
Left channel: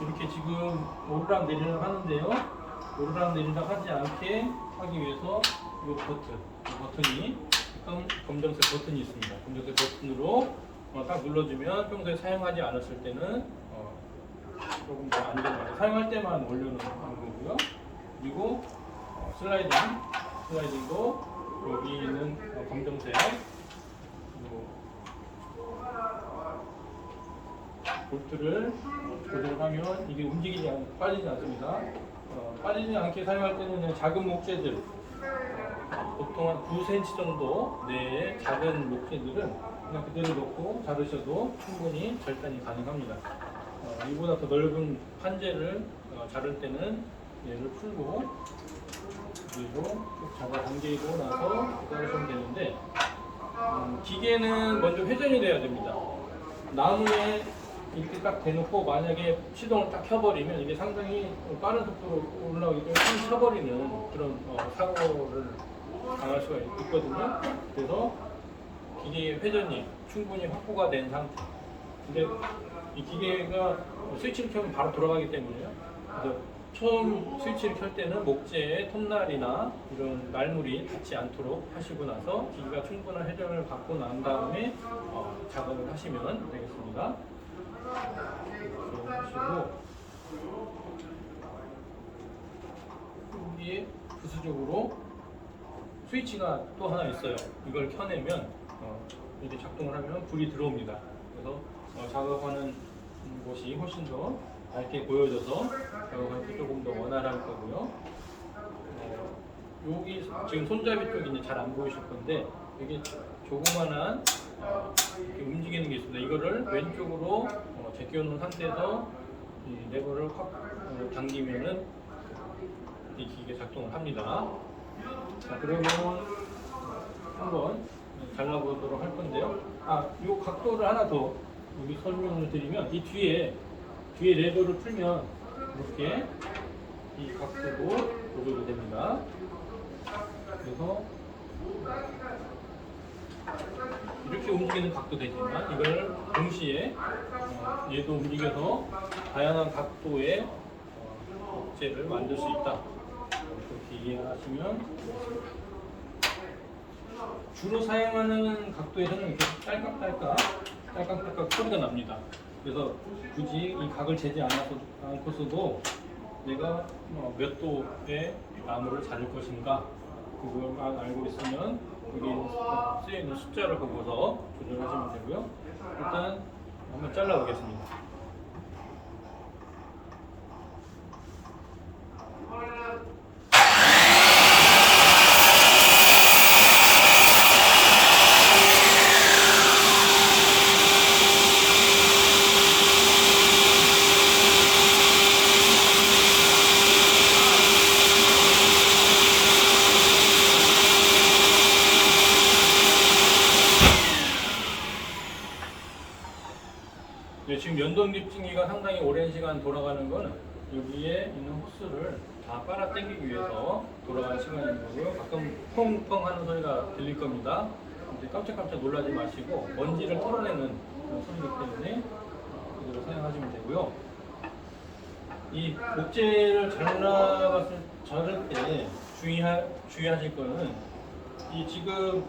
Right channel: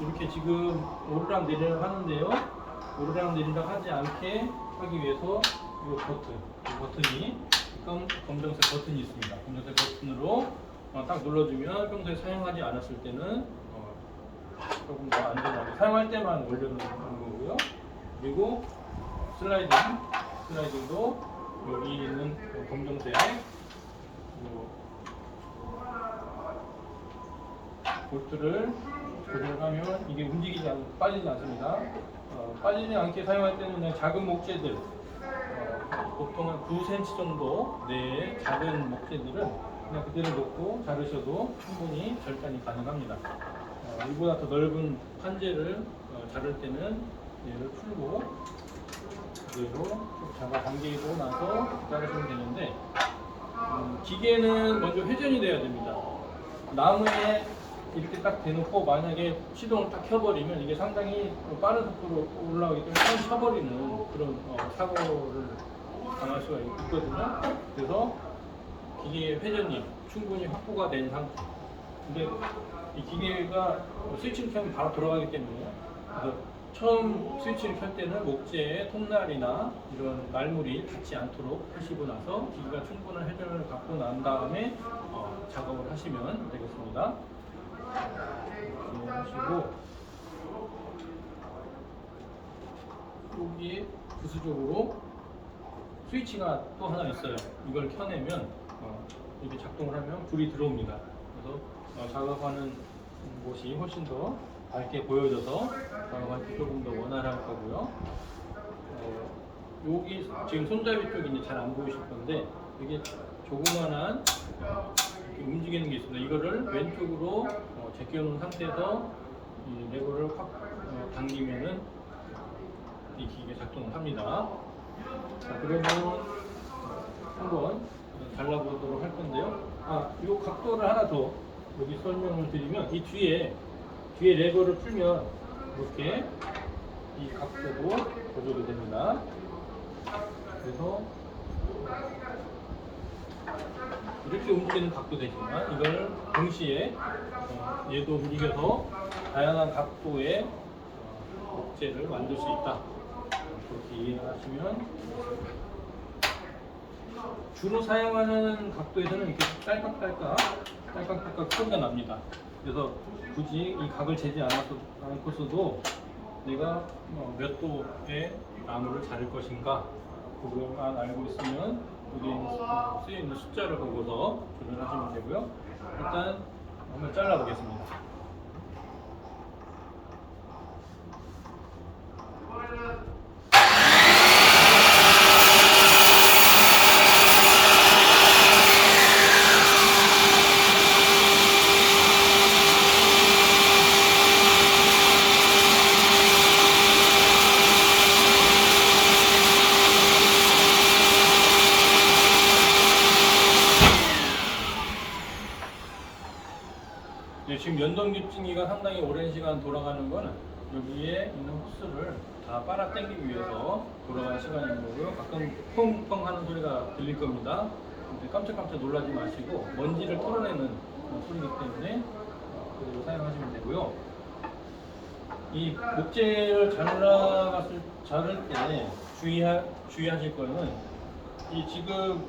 이렇게 지금 오르락 내리락 하는데요. 오르락 내리락 하지 않게 하기 위해서 이 버튼이 검정색 버튼이 있습니다. 검정색 버튼으로 딱 눌러주면 평소에 사용하지 않았을 때는 조금 더 안전하게 사용할 때만 올려놓는 거고요. 그리고 슬라이딩도 여기 있는 검정색 볼트를 조절하면 이게 빠지지 않습니다. 빠지지 않게 사용할 때는 그냥 작은 목재들 보통 한 9cm 정도 내의 작은 목재들은 그냥 그대로 놓고 자르셔도 충분히 절단이 가능합니다. 이보다 더 넓은 판재를 자를 때는 얘를 풀고 그대로 쭉 잡아 당기고 나서 자르시면 되는데 기계는 먼저 회전이 돼야 됩니다. 나무에 이렇게 딱 대놓고 만약에 시동을 딱 켜버리면 이게 상당히 빠른 속도로 올라가기 때문에 탁 쳐버리는 그런 사고를 당할 수가 있거든요. 그래서 기계의 회전이 충분히 확보가 된 상태. 근데 이 기계가 스위치를 켜면 바로 돌아가기 때문에요. 그래서 처음 스위치를 켤 때는 목재의 톱날이나 이런 말물이 닿지 않도록 하시고 나서 기계가 충분한 회전을 갖고 난 다음에 작업을 하시면 되겠습니다. 이렇게 하시고 여기에 부수적으로 스위치가 또 하나 있어요. 이걸 켜내면 이렇게 작동을 하면 불이 들어옵니다. 그래서 작업하는 곳이 훨씬 더 밝게 보여져서 작업할 때 조금 더 원활할 거고요. 여기 지금 손잡이 쪽이 이제 잘 안 보이실 건데 여기 조그만한 이렇게 움직이는 게 있습니다. 이거를 왼쪽으로 제껴놓은 상태에서 이 레버를 확 당기면은 이 기계 작동을 합니다. 자, 그러면 한번 잘라보도록 할 건데요. 이 각도를 하나 더 여기 설명을 드리면 이 뒤에 레버를 풀면 이렇게 이 각도도 조절이 됩니다. 그래서 이렇게 움직이는 각도 되지만 이걸 동시에 얘도 움직여서 다양한 각도의 목재를 만들 수 있다. 그렇게 이해하시면 되겠습니다. 주로 사용하는 각도에서는 이렇게 딸깍딸깍 소리가 납니다. 그래서 굳이 이 각을 재지 않고서도 내가 몇 도의 나무를 자를 것인가 그것만 알고 있으면 여기 쓰여 있는 숫자를 보고서 조절하시면 되고요. 일단 한번 잘라 보겠습니다. 네, 지금 연동 깁증기가 상당히 오랜 시간 돌아가는 거는 여기에 있는 호스를 다 빨아 당기기 위해서 돌아가는 시간인 거고요. 가끔 펑펑 하는 소리가 들릴 겁니다. 근데 깜짝깜짝 놀라지 마시고 먼지를 털어내는 그런 소리이기 때문에 그대로 사용하시면 되고요. 이 목재를 자를 때 주의하실 거는 이 지금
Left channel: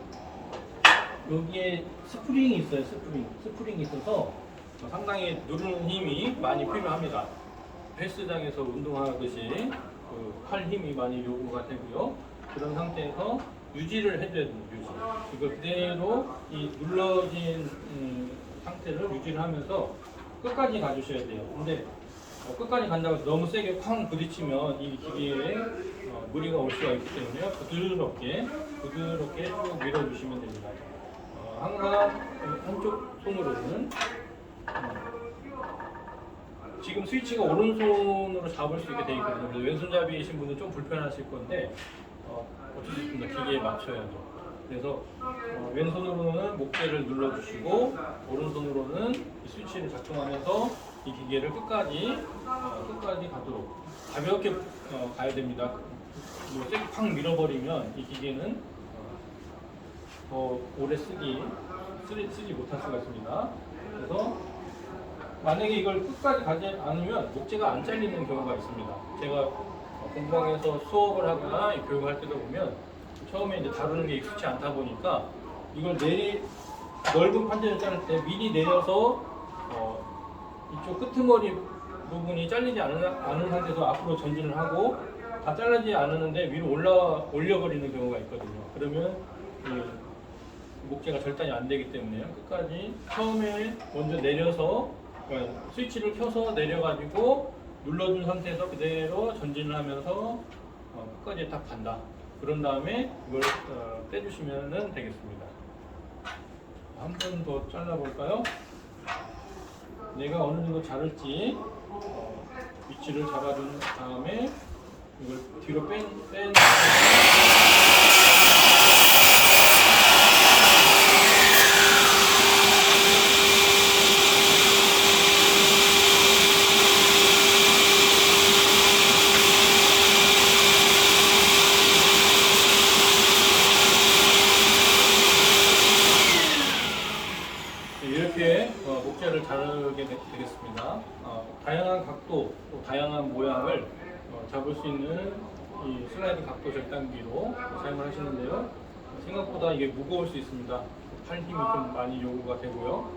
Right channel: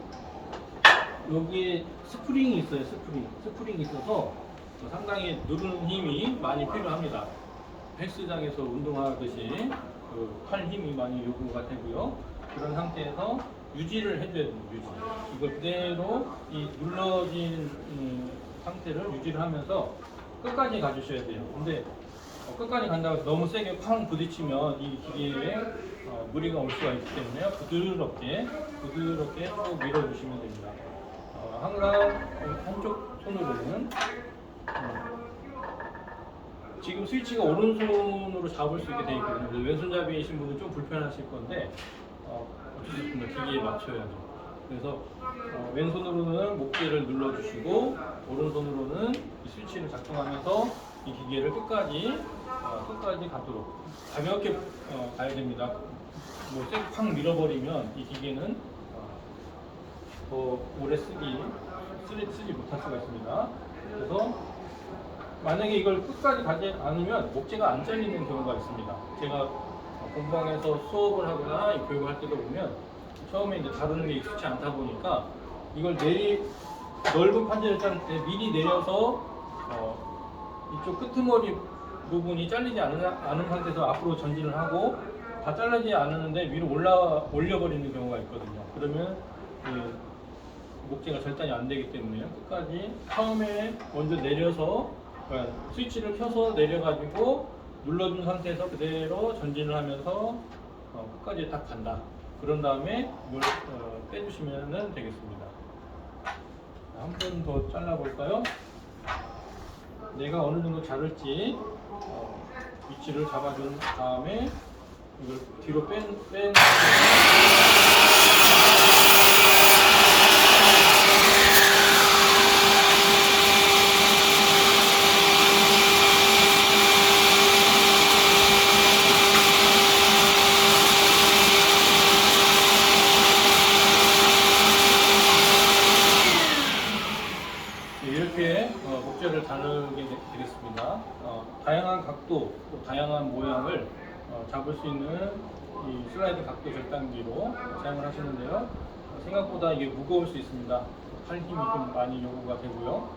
여기에 스프링이 있어요. 스프링이 있어서 상당히 누르는 힘이 많이 필요합니다. 헬스장에서 운동하듯이 팔 힘이 많이 요구가 되고요. 그런 상태에서 유지를 해줘야 됩니다. 이거 그대로 이 눌러진 상태를 유지를 하면서 끝까지 가주셔야 돼요. 근데 끝까지 간다고 해서 너무 세게 쾅 부딪히면 이 기계에 무리가 올 수가 있기 때문에 부드럽게 쭉 밀어주시면 됩니다. 항상 한쪽 손으로는 지금 스위치가 오른손으로 잡을 수 있게 되어 있거든요. 그래서 왼손잡이이신 분은 좀 불편하실 건데 어쩔 수 없습니다. 기계에 맞춰야죠. 그래서 왼손으로는 목재를 눌러주시고 오른손으로는 이 스위치를 작동하면서 이 기계를 끝까지 가도록 가볍게 가야 됩니다. 뭐 세게 팍 밀어버리면 이 기계는 더 오래 쓰지 못할 수가 있습니다. 그래서 만약에 이걸 끝까지 가지 않으면 목재가 안 잘리는 경우가 있습니다. 제가 공방에서 수업을 하거나 교육을 할 때도 보면 처음에 이제 다루는 게 익숙치 않다 보니까 이걸 넓은 판재를 자를 때 미리 내려서 이쪽 끄트머리 부분이 잘리지 않은 상태에서 앞으로 전진을 하고 다 잘리지 않았는데 위로 올려버리는 경우가 있거든요. 그러면 목재가 절단이 안 되기 때문에 끝까지 처음에 먼저 내려서 그러니까 스위치를 켜서 내려가지고 눌러준 상태에서 그대로 전진을 하면서 끝까지 딱 간다. 그런 다음에 이걸 떼주시면 되겠습니다. 한 번 더 잘라볼까요? 내가 어느 정도 자를지 위치를 잡아준 다음에 이걸 뒤로 뺀 이렇게 목재를 자르게 되겠습니다. 다양한 각도, 또 다양한 모양을 잡을 수 있는 이 슬라이드 각도 절단기로 사용을 하시는데요. 생각보다 이게 무거울 수 있습니다. 팔 힘이 좀 많이 요구가 되고요.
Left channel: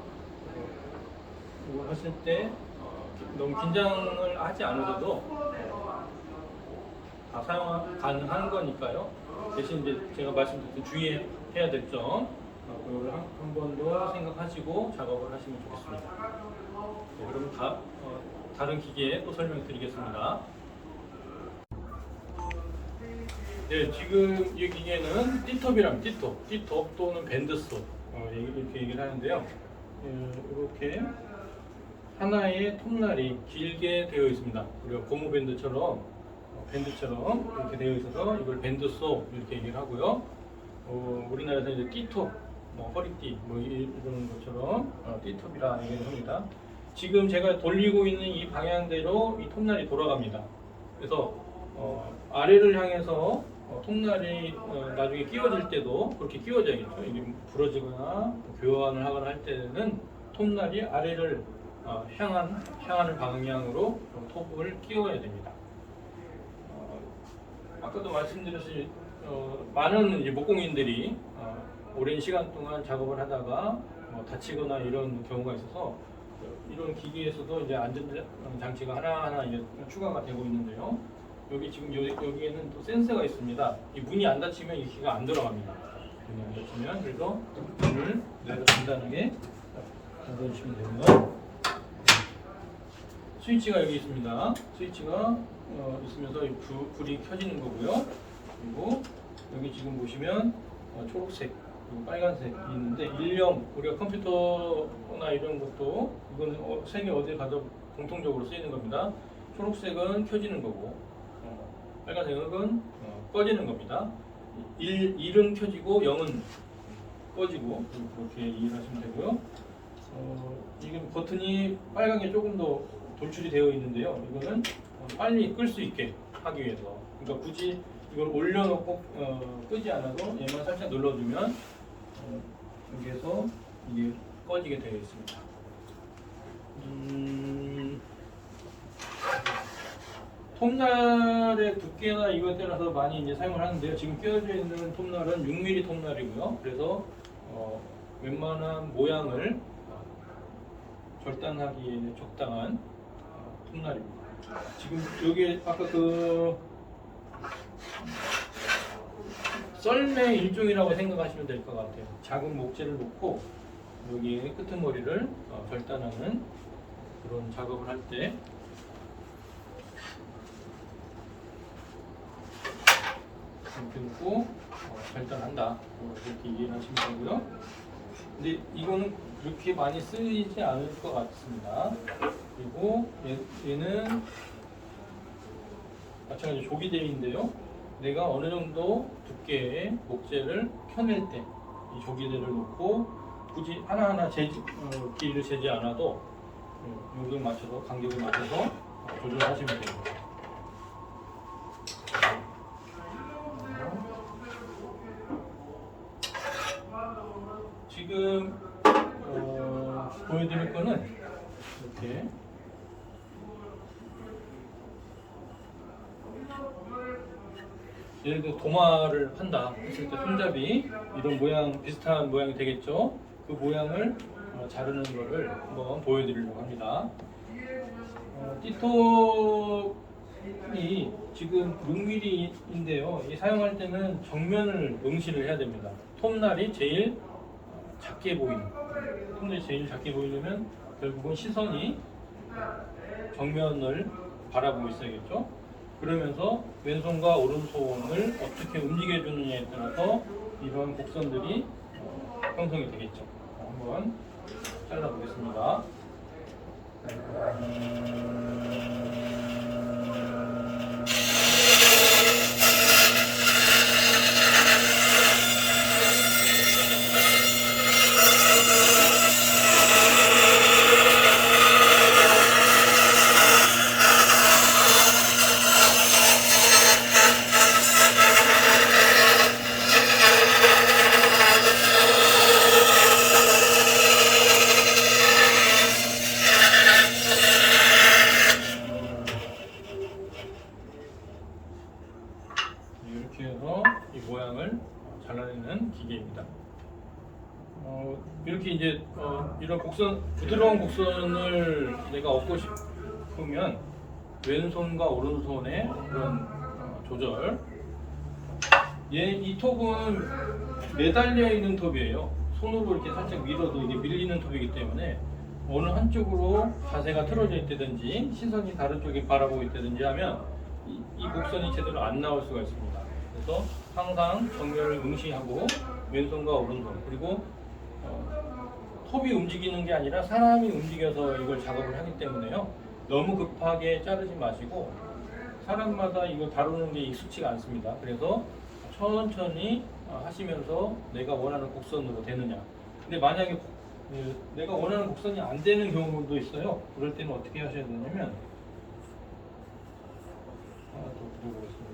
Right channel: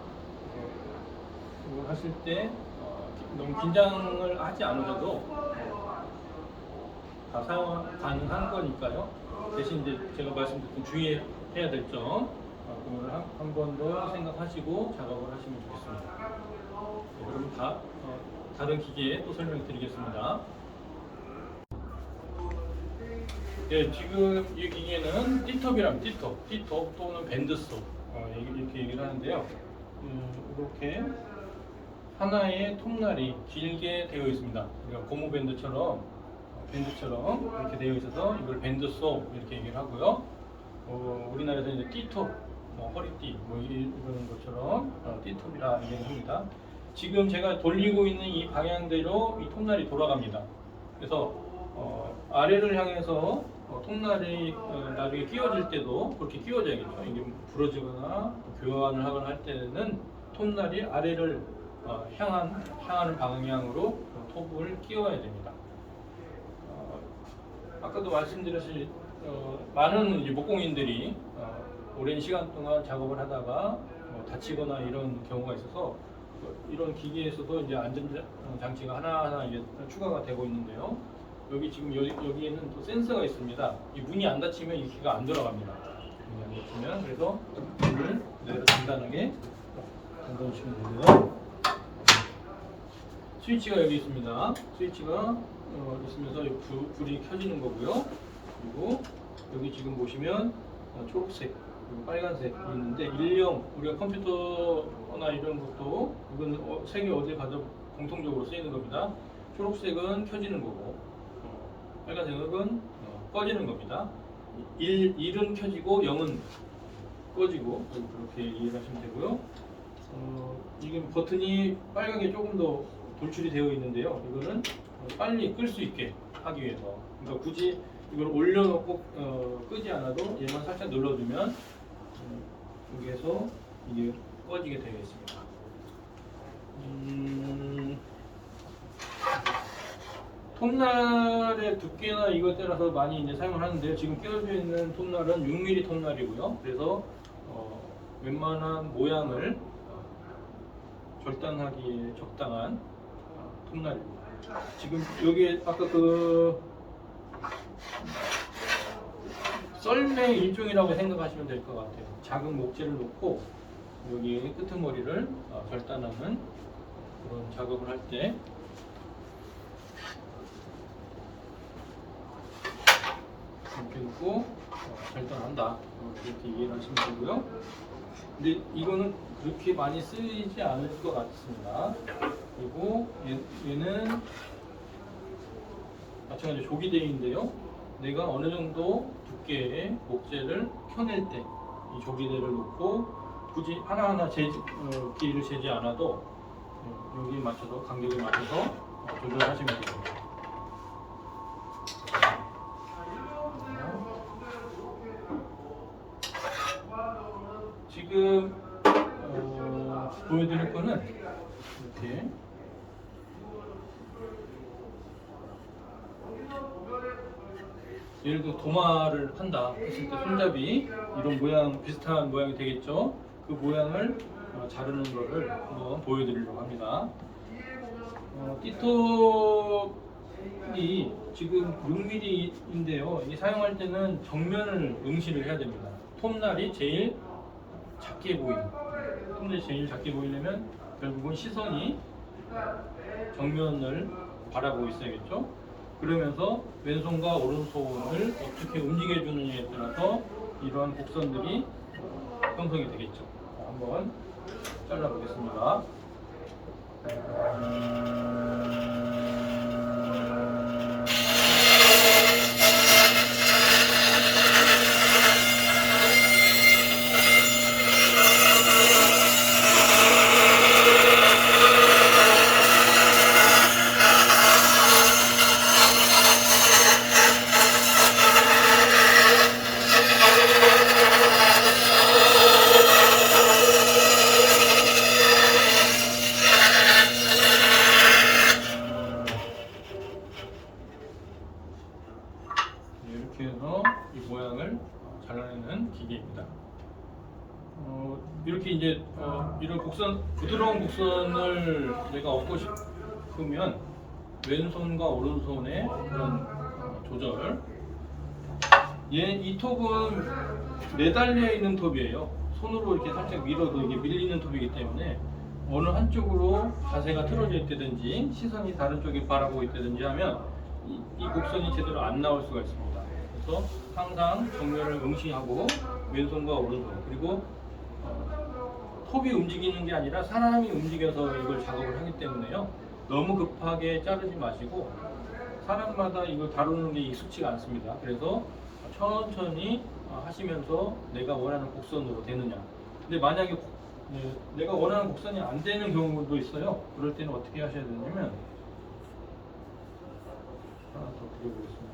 이걸 하실 때 너무 긴장을 하지 않으셔도 다 사용 가능한 거니까요. 대신 이제 제가 말씀드린 주의해야 될 점, 그거를 한 번 더 생각하시고 작업을 하시면 좋겠습니다. 네, 그러면 다른 기계에 또 설명드리겠습니다. 네, 지금 이 기계는 띠톱이랍니다. 띠톱 또는 밴드소 이렇게 얘기를 하는데요. 이렇게 하나의 톱날이 길게 되어 있습니다. 우리가 고무 밴드처럼 이렇게 되어 있어서 이걸 밴드소 이렇게 얘기를 하고요. 우리나라에서 이제 띠톱, 허리띠 이런 것처럼 띠톱이라 얘기를 합니다. 지금 제가 돌리고 있는 이 방향대로 이 톱날이 돌아갑니다. 그래서 아래를 향해서 톱날이 나중에 끼워질 때도 그렇게 끼워져야겠죠. 이게 부러지거나 교환을 하거나 할 때는 톱날이 아래를 향하는 방향으로 톱을 끼워야 됩니다. 아까도 말씀드렸듯이 많은 이제 목공인들이 오랜 시간 동안 작업을 하다가 다치거나 이런 경우가 있어서 이런 기계에서도 이제 안전 장치가 하나하나 이제 추가가 되고 있는데요. 여기 지금 여기에는 또 센서가 있습니다. 이 문이 안 닫히면 이 기계가 안 돌아갑니다. 문이 안 닫히면. 그래서 문을 내가 간단하게 열어주시면 되고요. 스위치가 여기 있습니다. 스위치가 있으면서 이 불이 켜지는 거고요. 그리고 여기 지금 보시면 초록색, 빨간색이 있는데 일령 우리가 컴퓨터나 이런 것도 이거는 세계 어디 가도 공통적으로 쓰이는 겁니다. 초록색은 켜지는 거고 빨간색은 꺼지는 겁니다. 1은 켜지고 0은 꺼지고 그렇게 이해를 하시면 되고요. 이게 버튼이 빨간 게 조금 더 돌출이 되어 있는데요. 이거는 빨리 끌 수 있게 하기 위해서. 그러니까 굳이 이걸 올려놓고 끄지 않아도 얘만 살짝 눌러주면 여기에서 이게 꺼지게 되어 있습니다. 톱날의 두께나 이거에 따라서 많이 이제 사용을 하는데요. 지금 끼워져 있는 톱날은 6mm 톱날이고요. 그래서 웬만한 모양을 절단하기에 적당한 톱날입니다. 지금 여기 아까 그 썰매 일종이라고 생각하시면 될 것 같아요. 작은 목재를 놓고 여기에 끄트머리를 절단하는 그런 작업을 할 때 이렇게 놓고 절단한다 이렇게 이해를 하시면 되고요. 근데 이거는 그렇게 많이 쓰이지 않을 것 같습니다. 그리고 얘는 마찬가지 조기대인데요. 내가 어느 정도 두께의 목재를 켜낼 때 이 조기대를 놓고 굳이 하나하나 길이를 재지 않아도 여기에 맞춰서 간격을 맞춰서 조절하시면 됩니다. 지금 보여드릴 거는 이렇게 예를 들어 도마를 한다 했을 때 손잡이 이런 모양 비슷한 모양이 되겠죠. 그 모양을 자르는 거를 한번 보여드리려고 합니다. 띠톱이 지금 6mm인데요. 이 사용할 때는 정면을 응시를 해야 됩니다. 톱날이 제일 작게 보이려면 결국은 시선이 정면을 바라보고 있어야겠죠. 그러면서 왼손과 오른손을 어떻게 움직여주느냐에 따라서 이런 곡선들이 형성이 되겠죠. 한번 잘라보겠습니다. 이렇게 해서 이 모양을 잘라내는 기계입니다. 이렇게 이제 이런 부드러운 곡선을 내가 얻고 싶으면 왼손과 오른손의 그런 조절. 이 톱은 매달려 있는 톱이에요. 손으로 이렇게 살짝 밀어도 이게 밀리는 톱이기 때문에 어느 한쪽으로 자세가 틀어져 있다든지 시선이 다른 쪽에 바라보고 있다든지 하면 이 곡선이 제대로 안 나올 수가 있습니다. 그래서 항상 정면을 응시하고 왼손과 오른손 그리고 톱이 움직이는 게 아니라 사람이 움직여서 이걸 작업을 하기 때문에요. 너무 급하게 자르지 마시고 사람마다 이걸 다루는 게 익숙치가 않습니다. 그래서 천천히 하시면서 내가 원하는 곡선으로 되느냐. 근데 만약에 내가 원하는 곡선이 안 되는 경우도 있어요. 그럴 때는 어떻게 하셔야 되냐면 하나 더 그려보겠습니다.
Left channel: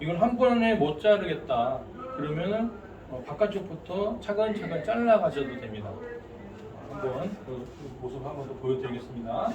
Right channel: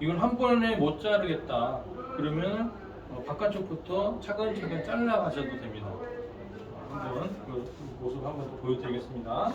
이걸 한 번에 못 자르겠다. 그러면 바깥쪽부터 차근차근 잘라 가셔도 됩니다. 한번 그 모습 한번 더 보여드리겠습니다.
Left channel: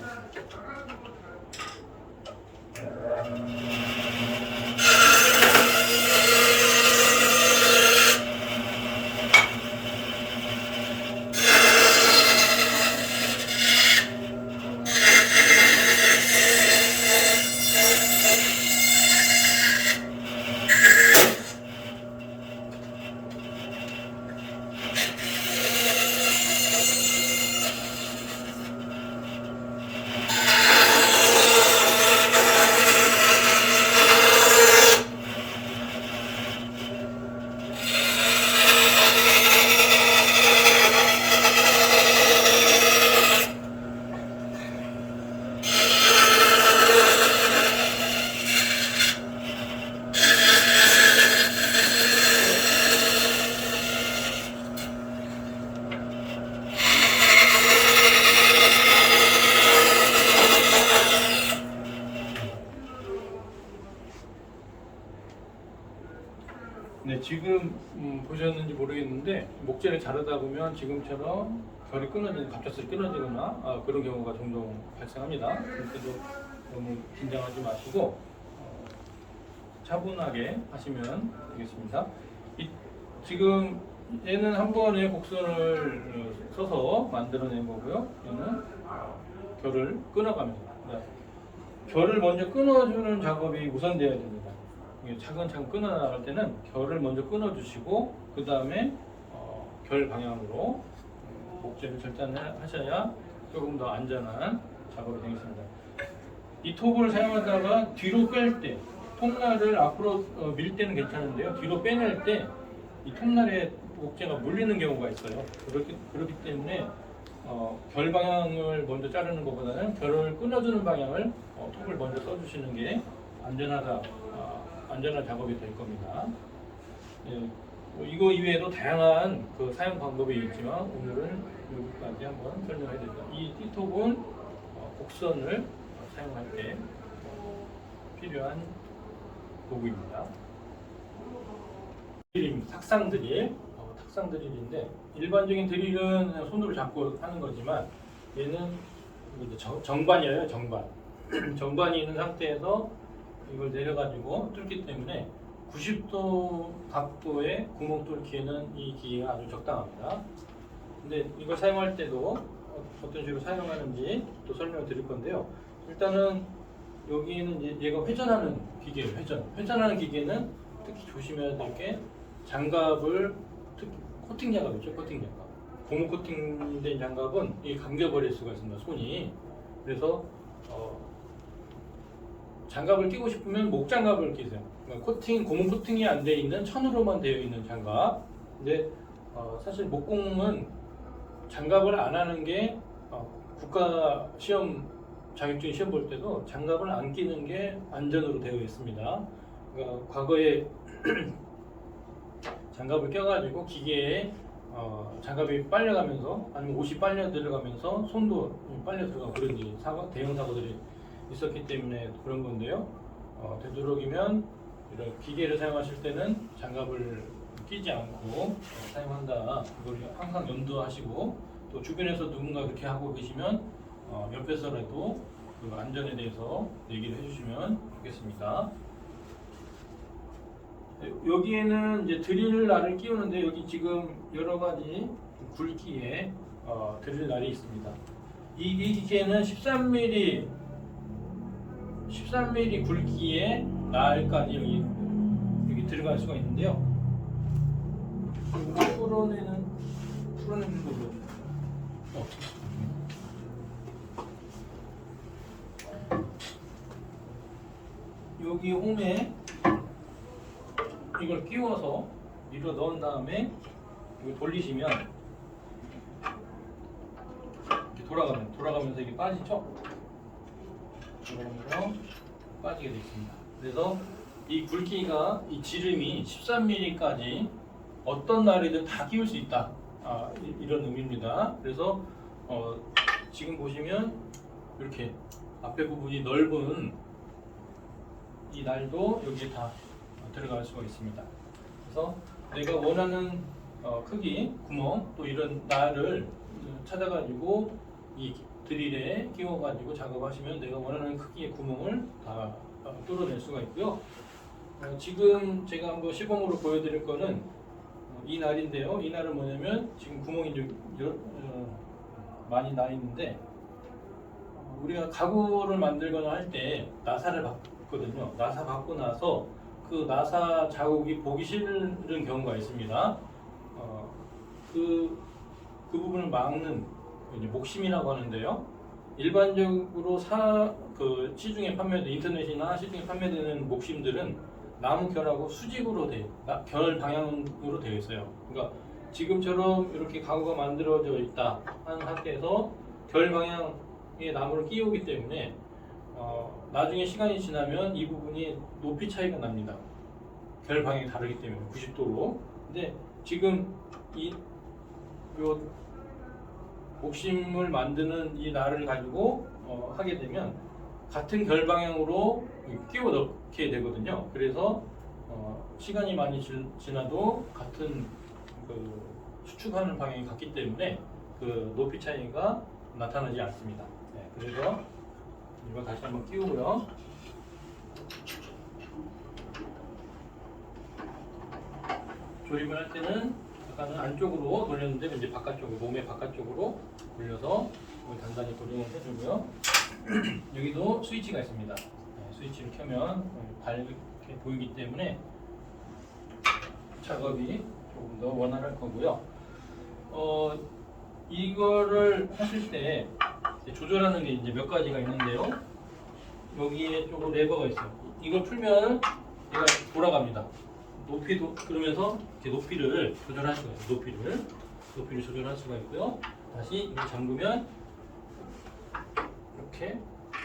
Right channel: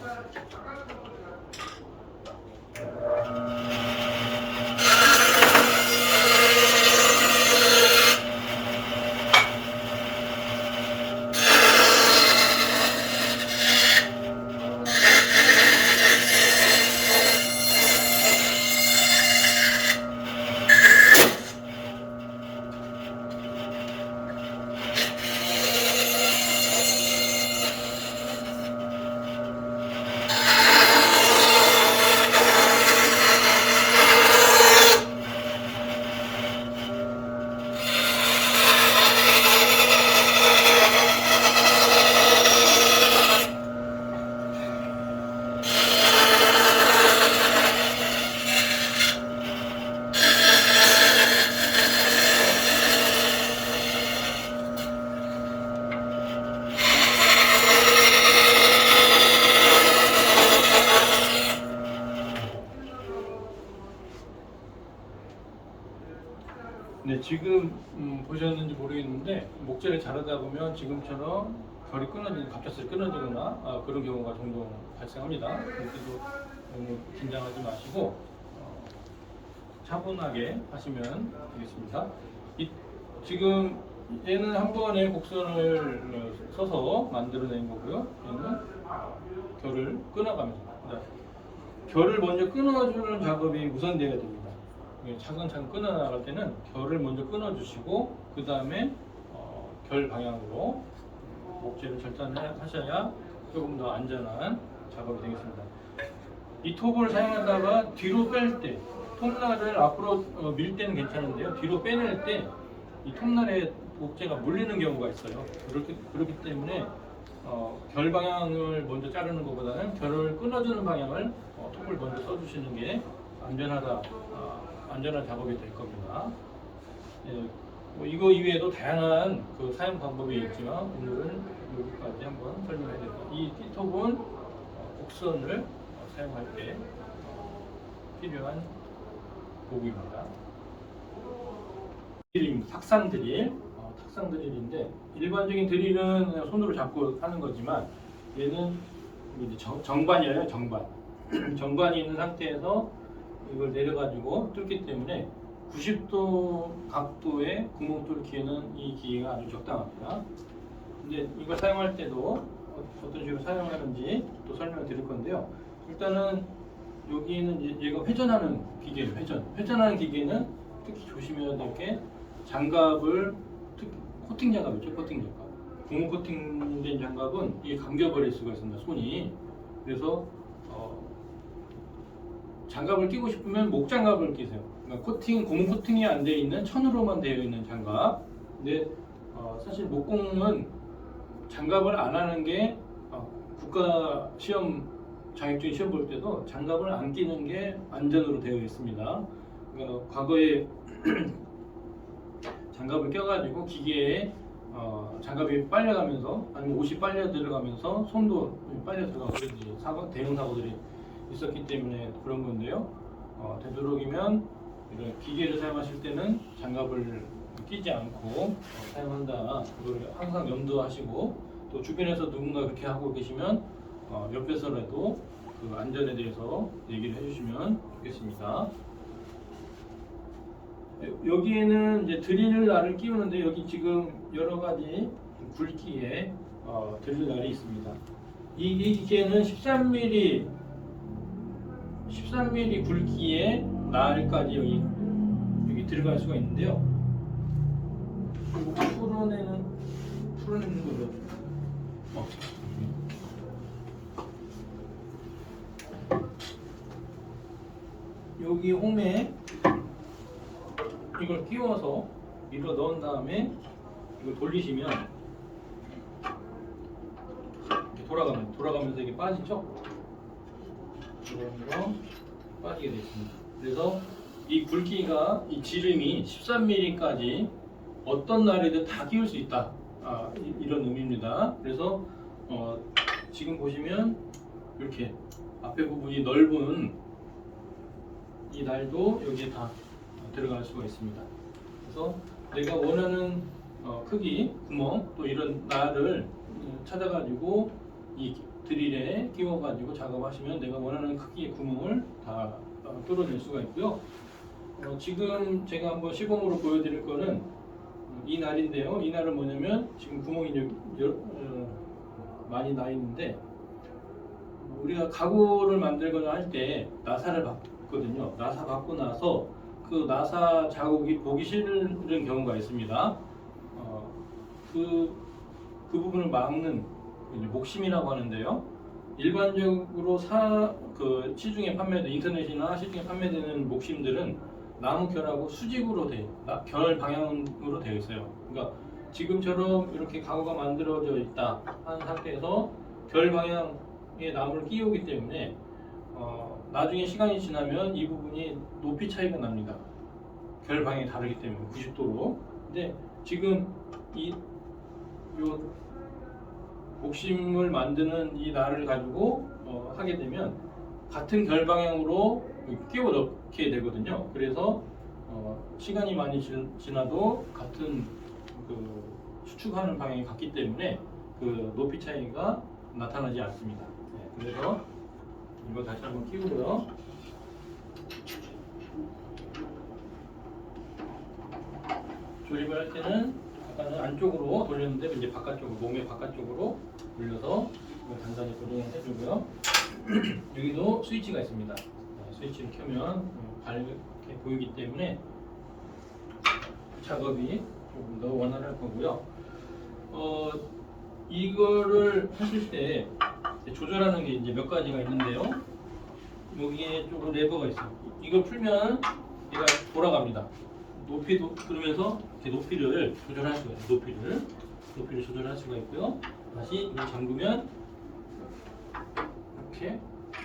네, 지금 보셨는지 모르겠는데 목재를 자르다 보면 지금처럼 결이 끊어지는 갑작스레 끊어지거나 그런 경우가 종종 발생합니다. 그때도 너무 긴장하지 마시고 차분하게 하시면 되겠습니다. 지금 얘는 한 번에 곡선을 써서 만들어낸 거고요. 얘는 결을 끊어갑니다. 결을 먼저 끊어주는 작업이 우선되어야 됩니다. 차근차근 끊어나갈 때는 결을 먼저 끊어주시고 그 다음에 결 방향으로 목재를 절단하셔야 조금 더 안전한 작업이 되겠습니다. 이 톱을 사용하다가 뒤로 뺄 때 톱날을 앞으로 밀 때는 괜찮은데요. 뒤로 빼낼 때 이 톱날에 목재가 물리는 경우가 있어요. 그렇기 때문에 결 방향을 먼저 자르는 것보다는 결을 끊어주는 방향을 톱을 먼저 써주시는 게 안전한 작업이 될 겁니다. 예, 이거 이외에도 다양한 그 사용 방법이 있지만 오늘은 여기까지 한번 설명해 드립니다. 이 T톱은 곡선을 사용할 때 필요한 도구입니다. 드릴입니다. 탁상 드릴, 탁상 드릴인데 일반적인 드릴은 그냥 손으로 잡고 하는 거지만 얘는 이제 정반이에요. 정반. 정반이 있는 상태에서 이걸 내려가지고 뚫기 때문에 90도 각도의 구멍 뚫기에는 이 기계가 아주 적당합니다. 근데 이걸 사용할 때도 어떤 식으로 사용하는지 또 설명을 드릴 건데요. 일단은 여기에는 얘가 회전하는 기계예요. 회전하는 기계는 특히 조심해야 될 게 장갑을 특히 코팅 장갑이죠. 코팅 장갑. 고무 코팅된 장갑은 이게 감겨버릴 수가 있습니다. 손이. 그래서 장갑을 끼고 싶으면 목 장갑을 끼세요. 그러니까 고무 코팅이 안 돼 있는 천으로만 되어 있는 장갑. 근데 사실 목공은 장갑을 안 하는 게 국가 시험 자격증 시험 볼 때도 장갑을 안 끼는 게 안전으로 되어 있습니다. 그러니까 과거에 장갑을 껴가지고 기계에 장갑이 빨려가면서 아니면 옷이 빨려 들어가면서 손도 빨려 들어가고 그런 대형 사고들이 있었기 때문에 그런 건데요. 되도록이면 이런 기계를 사용하실 때는 장갑을 끼지 않고 사용한다. 이걸 항상 염두하시고 또 주변에서 누군가 그렇게 하고 계시면 옆에서라도 그 안전에 대해서 얘기를 해주시면 좋겠습니다. 여기에는 이제 드릴 날을 끼우는데 여기 지금 여러 가지 굵기의 드릴 날이 있습니다. 이 기계는 13mm 굵기의 날까지 여기 들어갈 수가 있는데요. 그리고 풀어내는 거죠. 여기 홈에 이걸 끼워서 밀어 넣은 다음에 이걸 돌리시면 이렇게 돌아가면서 이게 빠지죠? 돌아가면서 빠지게 되어 있습니다. 그래서 이 굵기가 이 지름이 13mm까지 어떤 날이든 다 끼울 수 있다. 이런 의미입니다. 그래서 지금 보시면 이렇게 앞에 부분이 넓은 이 날도 여기에 다 들어갈 수가 있습니다. 그래서 내가 원하는 크기, 구멍 또 이런 날을 찾아가지고 이 드릴에 끼워가지고 작업하시면 내가 원하는 크기의 구멍을 다 뚫어낼 수가 있고요. 지금 제가 한번 시범으로 보여드릴 거는 이 날인데요. 이 날은 뭐냐면 지금 구멍이 많이 나 있는데 우리가 가구를 만들거나 할 때 나사를 받거든요. 나사 받고 나서 그 나사 자국이 보기 싫은 경우가 있습니다. 그 부분을 막는 이제 목심이라고 하는데요. 일반적으로 시중에 인터넷이나 시중에 판매되는 목심들은 나무 결하고 수직으로 결 방향으로 되어 있어요. 그러니까 지금처럼 이렇게 가구가 만들어져 있다 하는 상태에서 결 방향의 나무를 끼우기 때문에 나중에 시간이 지나면 이 부분이 높이 차이가 납니다. 결 방향이 다르기 때문에 90도로. 근데 지금 요 목심을 만드는 이 날을 가지고 하게 되면 같은 결 방향으로 끼워 넣게 되거든요. 그래서 시간이 많이 지나도 같은 그 수축하는 방향이 같기 때문에 그 높이 차이가 나타나지 않습니다. 네, 그래서 이거 다시 한번 끼우고요. 조립을 할 때는 아까는 안쪽으로 돌렸는데 이제 바깥쪽으로, 몸의 바깥쪽으로 돌려서 이걸 단단히 고정을 해주고요. 여기도 스위치가 있습니다. 네, 스위치를 켜면 밝게 보이기 때문에 작업이 조금 더 원활할 거고요. 이거를 하실 때 조절하는 게 이제 몇 가지가 있는데요. 여기에 조금 레버가 있어요. 이걸 풀면 얘가 돌아갑니다. 높이도 그러면서 이렇게 높이를 조절할 수가 있어요. 높이를 조절할 수가 있고요. 다시 이걸 잠그면 이렇게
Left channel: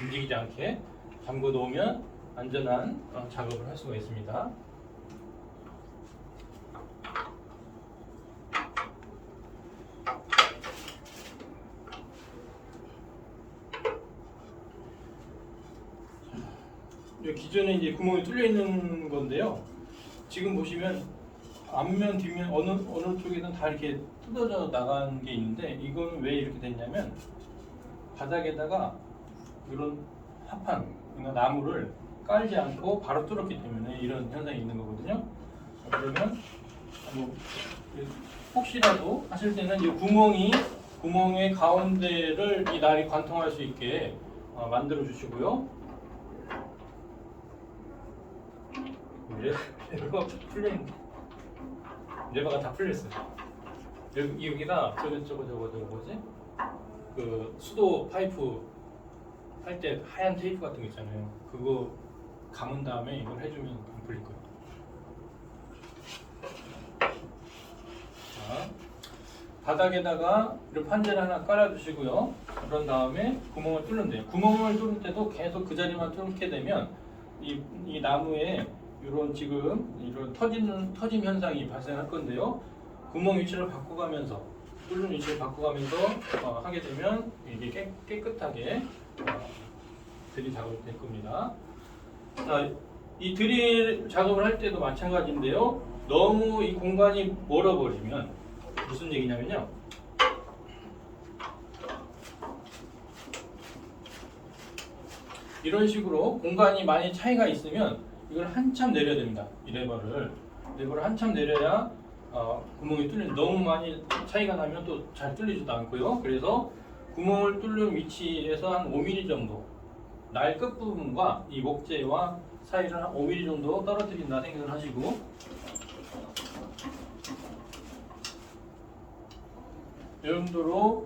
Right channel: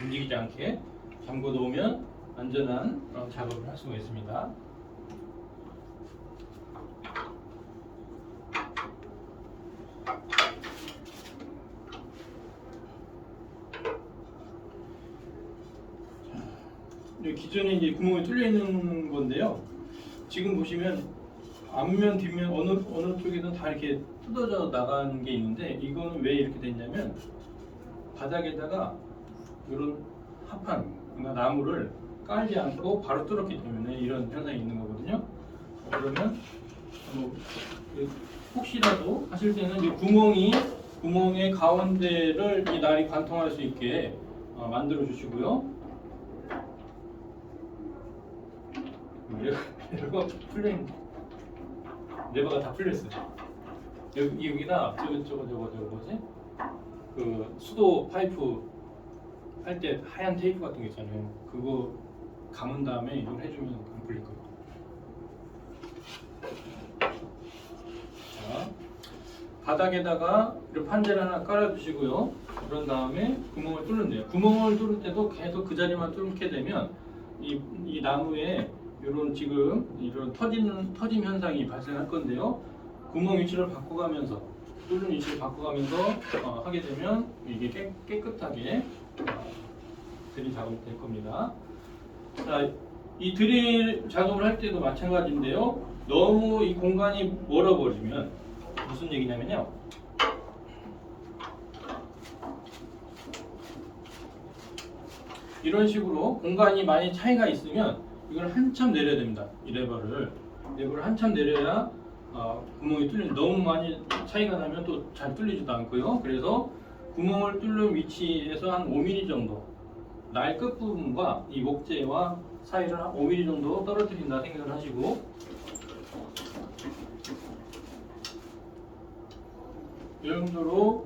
움직이지 않게 잠궈 놓으면 안전한 작업을 할 수가 있습니다. 기존에 이제 구멍이 뚫려 있는 건데요. 지금 보시면 앞면, 뒷면 어느 쪽이든 다 이렇게 뜯어져 나간 게 있는데 이거는 왜 이렇게 됐냐면 바닥에다가 이런 합판, 그러니까 나무를 깔지 않고 바로 뚫었기 때문에 이런 현상이 있는 거거든요. 그러면 혹시라도 하실 때는 이 구멍의 가운데를 이 날이 관통할 수 있게 만들어 주시고요. 레버가 다 풀렸어요. 여기다 저거 뭐지? 그 수도 파이프 할 때 하얀 테이프 같은 거 있잖아요. 그거 감은 다음에 이걸 해주면 안 풀릴 거예요. 자, 바닥에다가 이렇게 판재를 하나 깔아주시고요. 그런 다음에 구멍을 뚫는데요. 구멍을 뚫을 때도 계속 그 자리만 뚫게 되면 이 나무에 이런 터짐 현상이 발생할 건데요. 구멍 위치를 바꿔가면서 뚫는 위치를 바꿔가면서 하게 되면 이게 깨끗하게 드릴 작업이 될 겁니다. 자, 이 드릴 작업을 할 때도 마찬가지인데요. 너무 이 공간이 멀어버리면 무슨 얘기냐면요. 이런 식으로 공간이 많이 차이가 있으면 이걸 한참 내려야 됩니다. 이 레버를 한참 내려야 구멍이 뚫리는. 너무 많이 차이가 나면 또 잘 뚫리지도 않고요. 그래서 구멍을 뚫는 위치에서 한 5mm 정도, 날 끝부분과 이 목재와 사이를 한 5mm 정도 떨어뜨린다 생각을 하시고, 이 정도로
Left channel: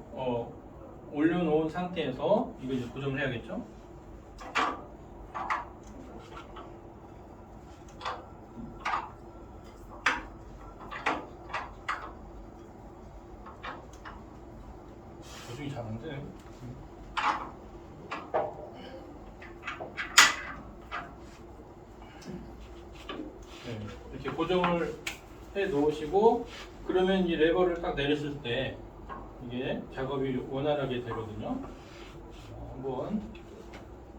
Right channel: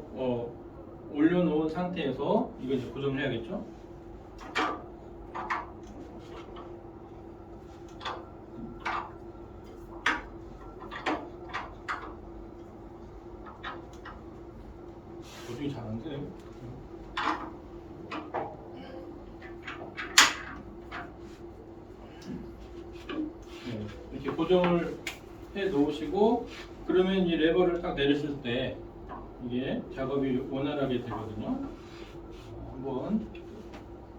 올려놓은 상태에서 이거 이제 고정을 해야겠죠. 고정을 해 놓으시고 그러면 이 레버를 딱 내렸을 때 이게 작업이 원활하게 되거든요. 한번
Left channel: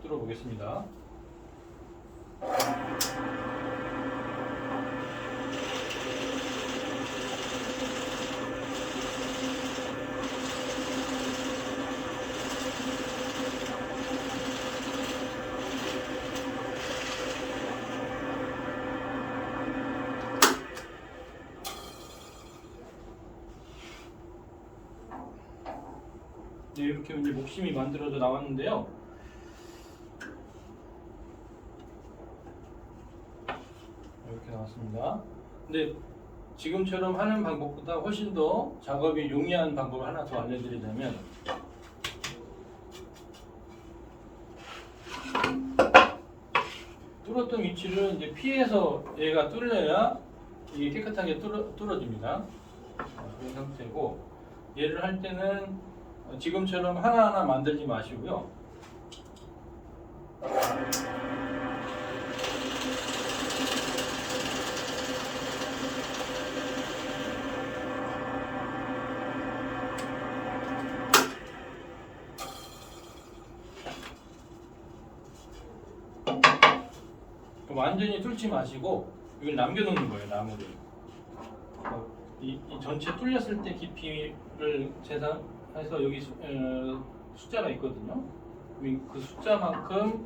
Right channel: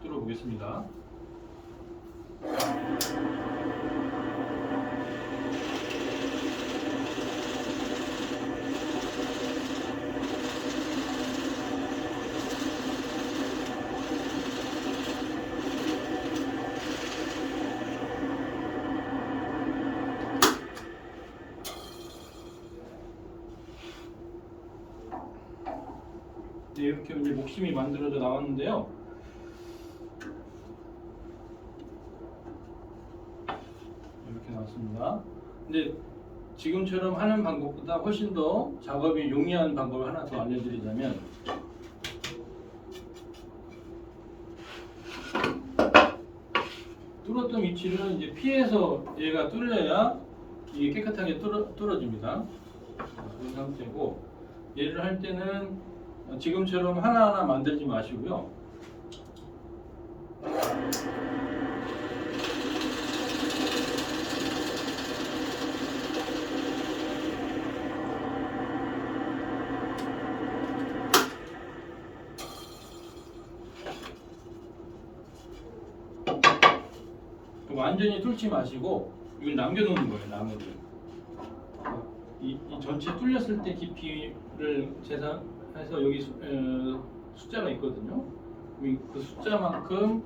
뚫어 보겠습니다. 네, 이렇게 이제 목심이 만들어져 나왔는데요. 이렇게 나왔습니다. 근데 지금처럼 하는 방법보다 훨씬 더 작업이 용이한 방법을 하나 더 알려드리자면, 뚫었던 위치를 이제 피해서 얘가 뚫려야 이게 깨끗하게 뚫어집니다. 그런 상태고, 얘를 할 때는 지금처럼 하나하나 만들지 마시고요. 완전히 뚫지 마시고 이걸 남겨놓는 거예요, 나무를. 이 전체 뚫렸을 때 깊이를 계산해서 여기 숫자가 있거든요. 그 숫자만큼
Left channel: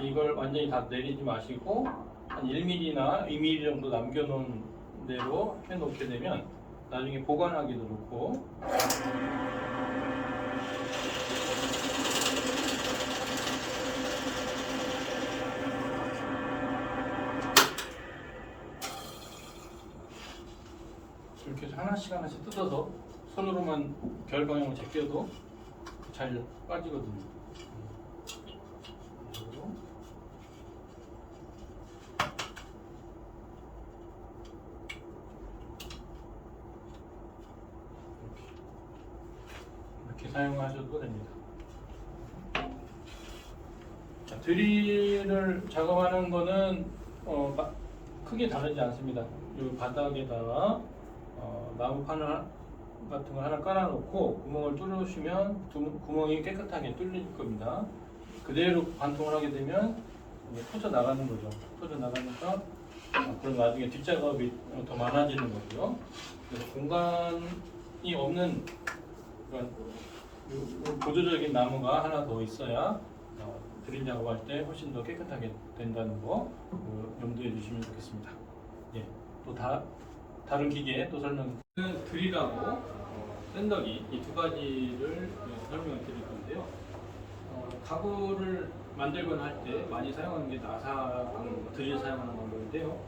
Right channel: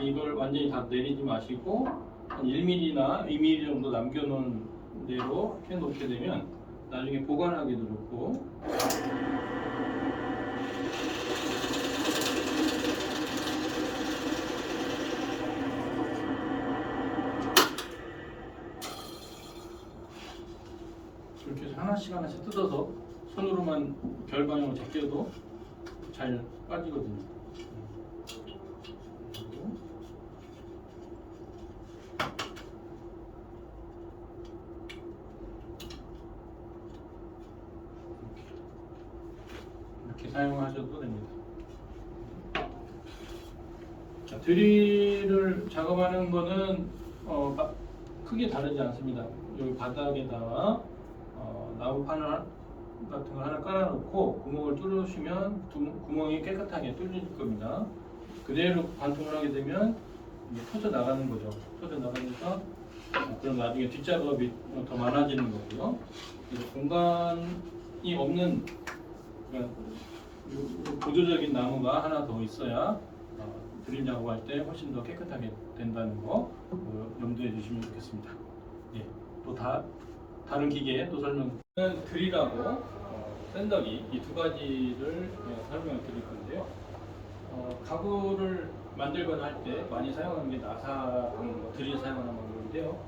이걸 완전히 다 내리지 마시고 한 1mm나 2mm 정도 남겨놓은 대로 해놓게 되면 나중에 보관하기도 좋고, 이렇게 해서 하나씩 하나씩 뜯어서 손으로만 결방향을 제껴도 잘 빠지거든요. 이렇게 사용하셔도 됩니다. 자, 드릴을 작업하는 거는 크게 다르지 않습니다. 여기 바닥에다가 나무판을 같은 거 하나 깔아놓고 구멍을 뚫으시면 구멍이 깨끗하게 뚫릴 겁니다. 그대로 관통을 하게 되면 이제 터져 나가는 거죠. 터져 나가니까 그럼 나중에 뒷작업이 더 많아지는 거고요. 그래서 공간이 없는, 그러니까 보조적인 나무가 하나 더 있어야 드릴 작업할 때 훨씬 더 깨끗하게 된다는 거 염두에 주시면 좋겠습니다. 예, 또 다른 기계 또 드릴하고 샌더기 이 두 가지를 설명을 드릴 건데요. 가구를 만들거나 할 때 많이 사용하는 게 나사 방법, 드릴 사용하는 방법인데요.